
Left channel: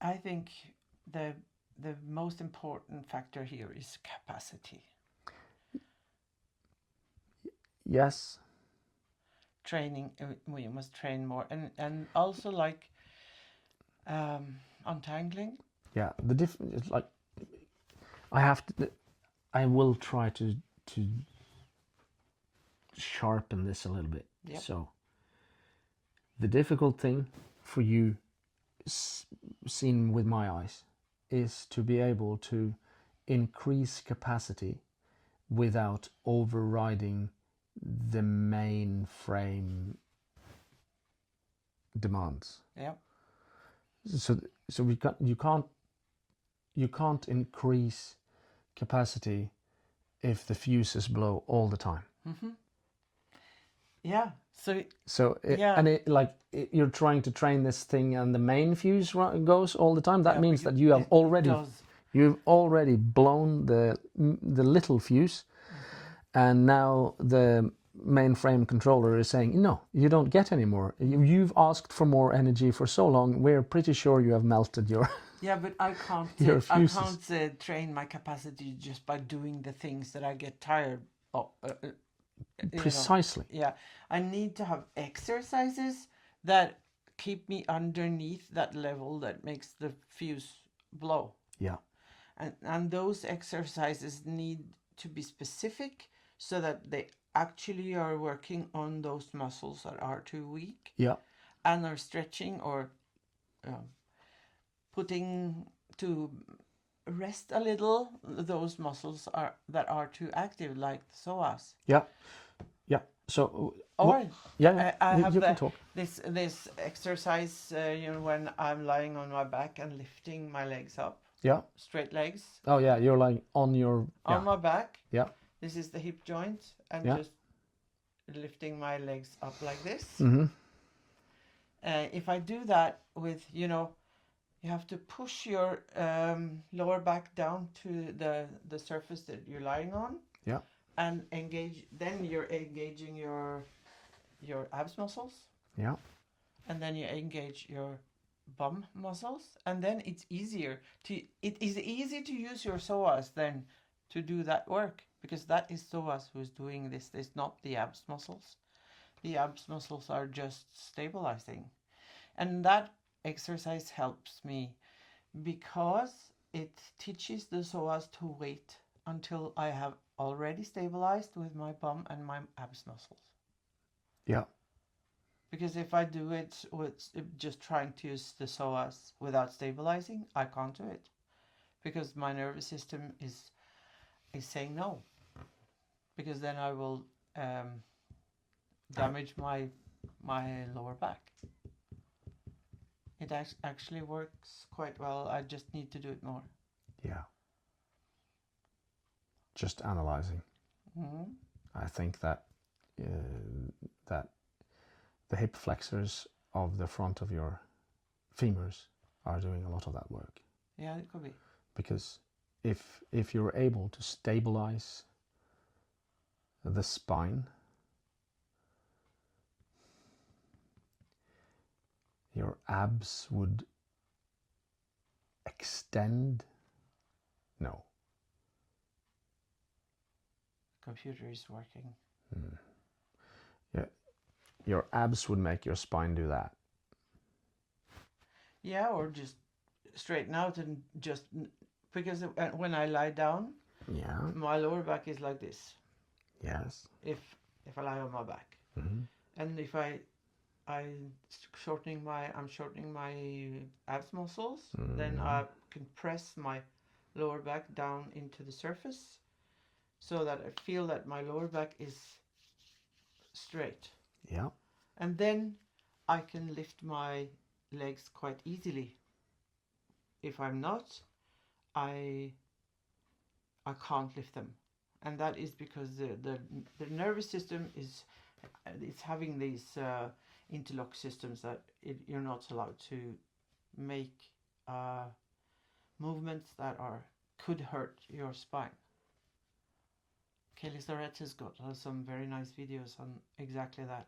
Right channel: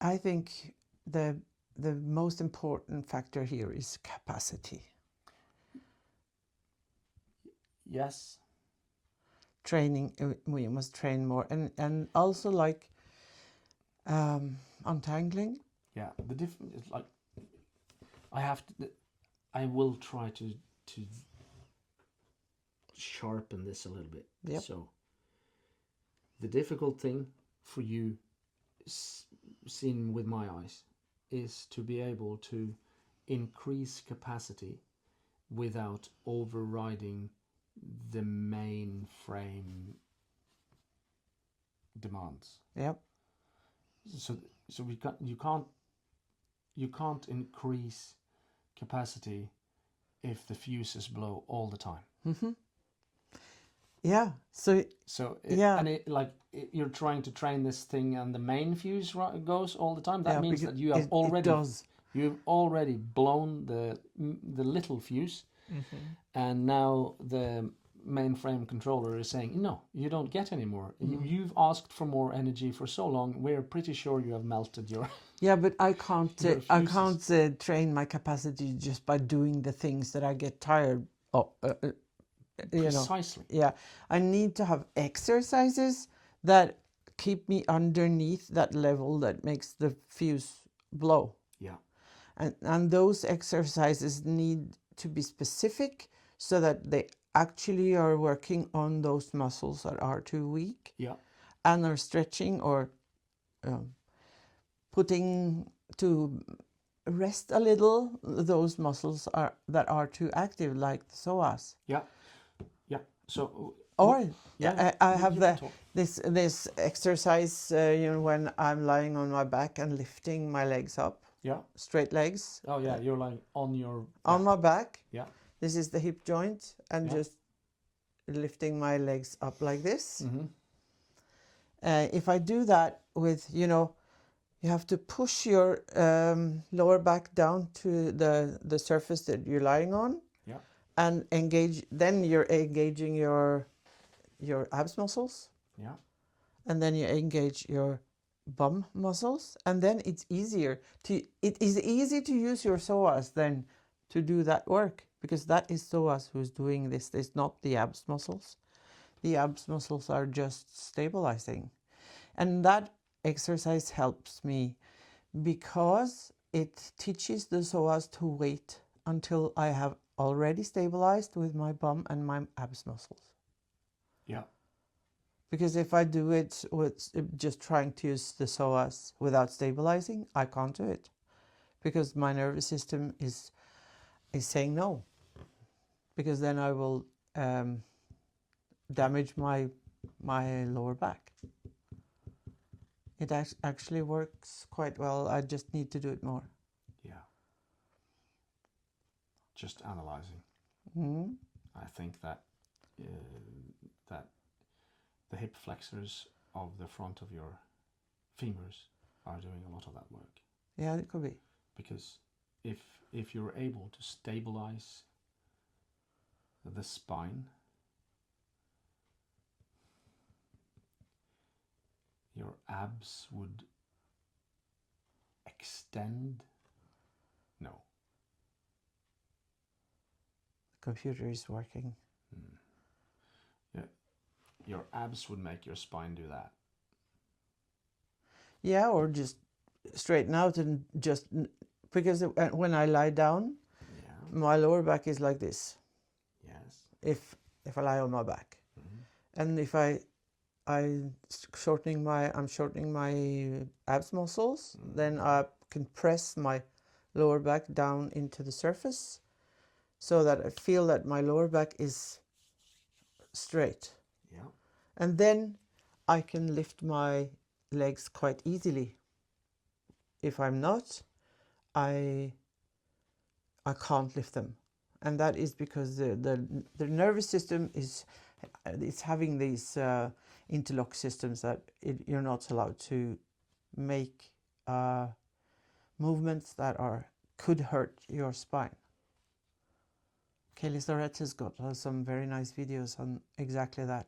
I think the most important factor here is capacity. Yes. Training, we must train more, and also like untangling. Yeah, the difference is like I will try to sharpen this a little bit. Yep. So the difficult thing for you, seen with my eyes, is to be able to increase capacity without overriding the main frame demands. Yep. So you can't increase capacity if the fuses blow all the time. Yeah. So yeah. You're trying to train this thing and the main fuse goes all the time. That Yeah, means that you have you've already blown the little fuse, and now the mainframe controller is saying, no, you don't get any more. You've asked for more energy for so long. We're pretty sure you have melted your. Yeah, but I can't. I can't train my capacity just by doing the things that I get tired of. Precisely. Yeah, I need to have exercises that keep me underneath that level that makes the fuse blow. Yeah. And those exercises need to be specific so that they actually are working on those muscles that are too weak. Yeah. And are stretching or putting to rest a little those muscles that are too active, like the psoas. Yeah. Yeah. So. Or I have this exercise, when I'm lying on my back and lifting my legs up. Yeah. Straight legs. Oh yeah, you're lying on your. On my back. Yeah. This is the hip joint, and just lifting my legs up like this. If I do that with, you have to push your lower back down to the surface that you're lying on. Yeah. And engage. Then you're engaging your abs muscles. Yeah. And then you engage your bum muscles, and then it is easy to use your psoas then to do that work, because that is psoas who's doing this. It's not the abs muscles. The abs muscles are just stabilizing, and that exercise helps me because it teaches the psoas to wait until I have already stabilized with my bum and my abs muscles. Yeah. Because if I do it with just trying to use the psoas without stabilizing, I can't do it, because my nervous system is saying no, because then I will damage my lower back. It actually works quite well. I just need to do it more. Yeah. Just analyzing. I think that the hip flexors of the front of your femurs are doing a lot of that work. Yeah, it could be. Because if you're able to stabilize the spine, your abs would extend. No. The computer is working. Yeah. Your abs would make your spine do that. Yeah, or just straighten out and just, because when I lie down, my lower back is like this. Yes. If I lie on my back, and if I'm shortening my abs muscles, then I can press my lower back down into the surface, so that I feel that my lower back is straight. Yeah. And then I can lift my legs quite easily. If I'm not, I can't lift them. And that is because the nervous system is having these interlock systems that you're not allowed to make movements that could hurt your spine. Kelly Starrett has got some very nice videos on exactly that.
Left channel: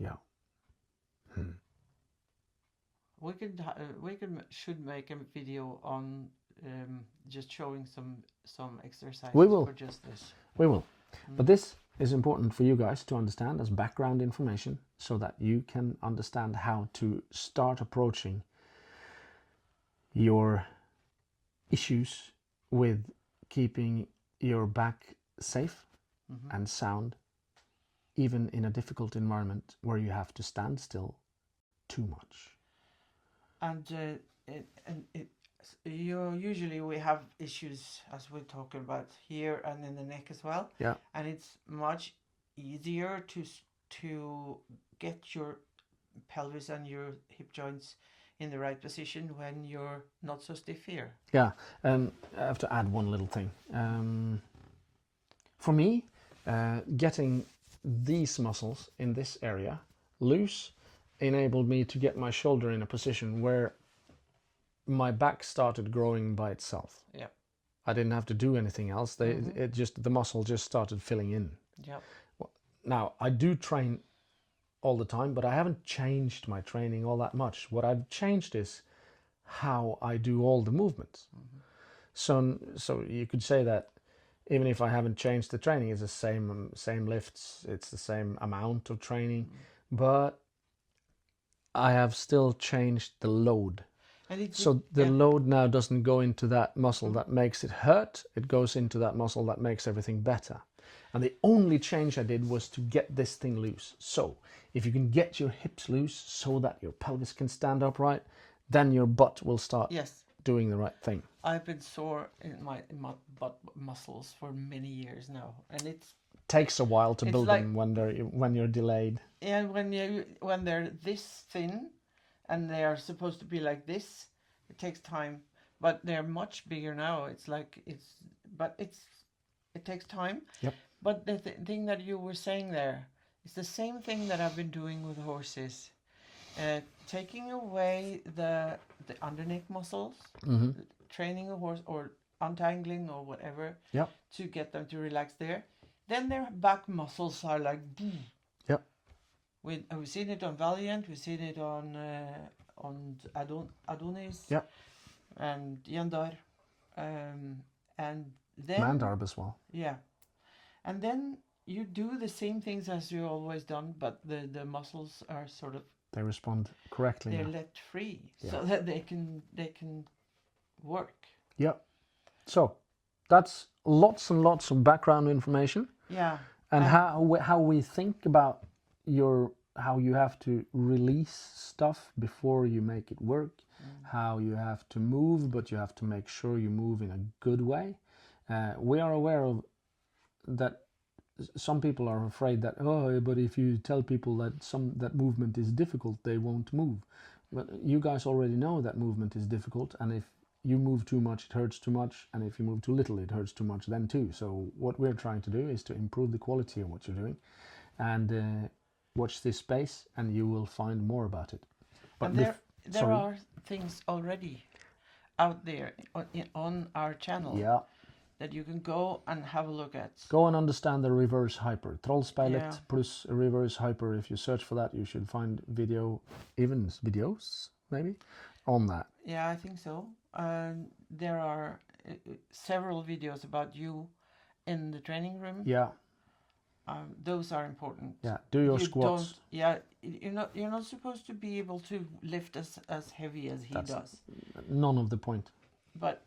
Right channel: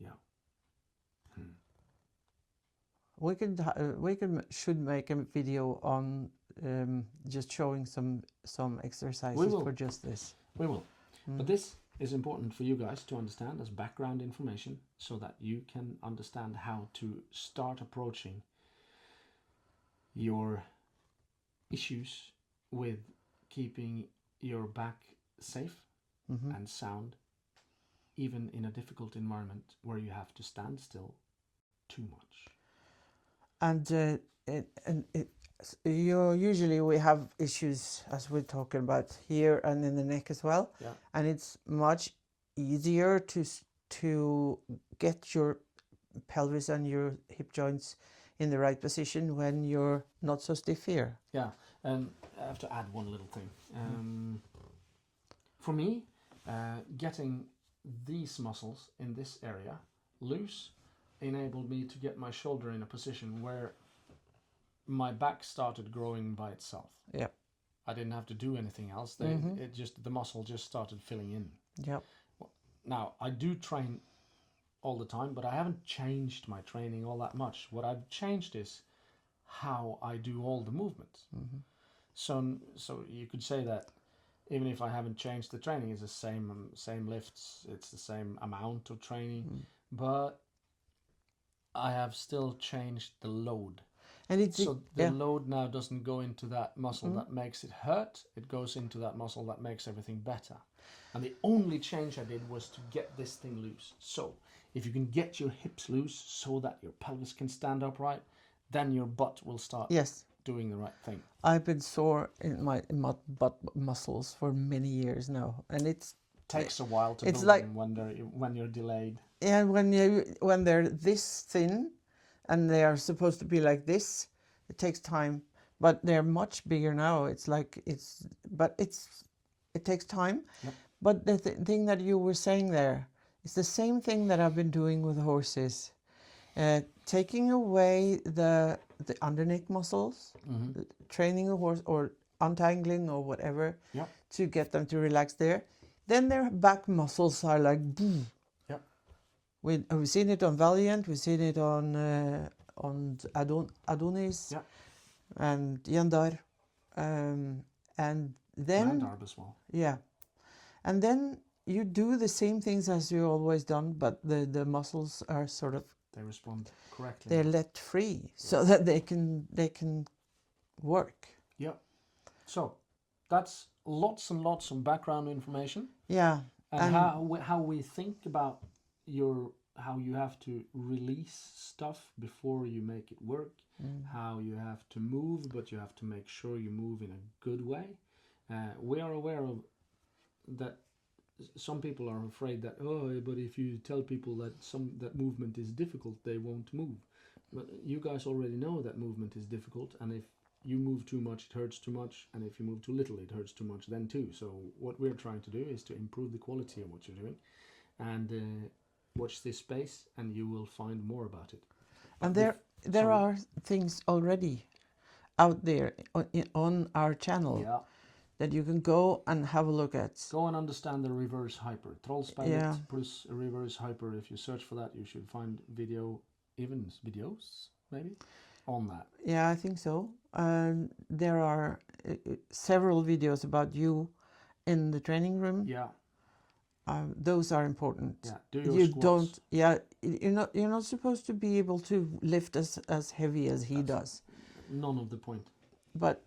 Yeah. We should make a video on just showing some exercises We will. for just this. We will. But this is important for you guys to understand as background information so that you can understand how to start approaching your issues with keeping your back safe and sound, even in a difficult environment where you have to stand still too much. And usually we have issues, as we're talking about here and in the neck as well. Yeah. And it's much easier to get your pelvis and your hip joints in the right position when you're not so stiff here. Yeah, and I have to add one little thing. For me, getting these muscles in this area loose enabled me to get my shoulder in a position where my back started growing by itself. Yeah. I didn't have to do anything else. The muscle just started filling in. Yeah. Now, I do train all the time, but I haven't changed my training all that much. What I've changed is how I do all the movements. So you could say that even if I haven't changed the training, it's the same lifts, it's the same amount of training, but I have still changed the load. And so the load now doesn't go into that muscle that makes it hurt. It goes into that muscle that makes everything better. And the only change I did was to get this thing loose. So if you can get your hips loose so that your pelvis can stand upright, then your butt will start doing the right thing. I've been sore in my butt muscles for many years now, and it takes a while to build them when you're delayed. Yeah, when they're this thin, and they are supposed to be like this, it takes time. But they're much bigger now. It takes time. Yep. But the thing that you were saying there is the same thing that I've been doing with horses. Taking away the underneath muscles, training a horse or untangling or whatever, to get them to relax there. Then their back muscles are like boom. Yep. We've seen it on Valiant. We've seen it on Adonis. Yep. And Yandar, and then Mandarb as well. Yeah, and then you do the same things as you always done, but the muscles are sort of, they respond correctly. They're let free so that they can work. Yeah. So that's lots and lots of background information. Yeah. And how we think about how you have to release stuff before you make it work, how you have to move, but you have to make sure you move in a good way. We are aware of that. Some people are afraid that, but if you tell people that movement is difficult, they won't move. But you guys already know that movement is difficult, and if you move too much, it hurts too much, and if you move too little, it hurts too much then too. So what we're trying to do is to improve the quality of what you're doing, and watch this space, and you will find more about it. But and there are things already out there on our channel. Yeah. That you can go and have a look at. Go and understand the reverse hyper. Trollspeilet plus reverse hyper. If you search for that, you should find videos, maybe, on that. Yeah, I think so. There are several videos about you in the training room. Yeah. Those are important. Yeah, do your squats. You're not supposed to be able to lift as heavy as he does. None of the point. But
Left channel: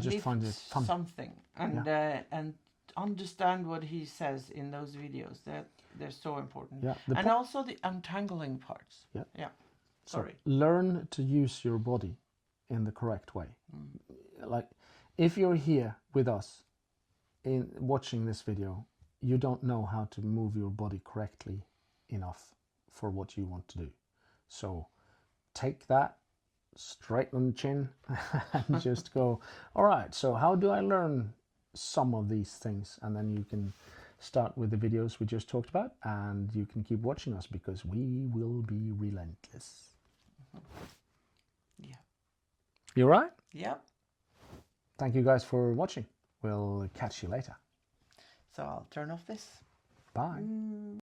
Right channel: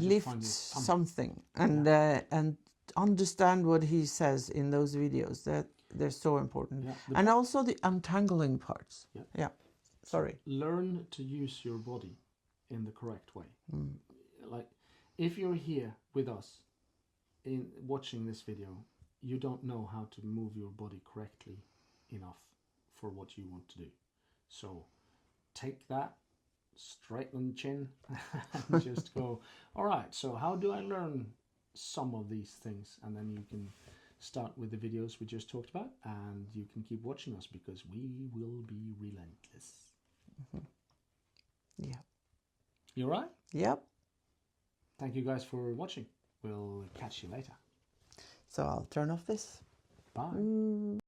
lift something and understand what he says in those videos. That they're so important. Yeah, and also the untangling parts. Yeah. Sorry. So learn to use your body in the correct way. Like if you're here with us in watching this video, you don't know how to move your body correctly enough for what you want to do. So take that, straighten the chin, and just go, all right, so how do I learn some of these things? And then you can start with the videos we just talked about, and you can keep watching us because we will be relentless. Yeah. You right? Yep. Thank you guys for watching. We'll catch you later. So I'll turn off this. Bye.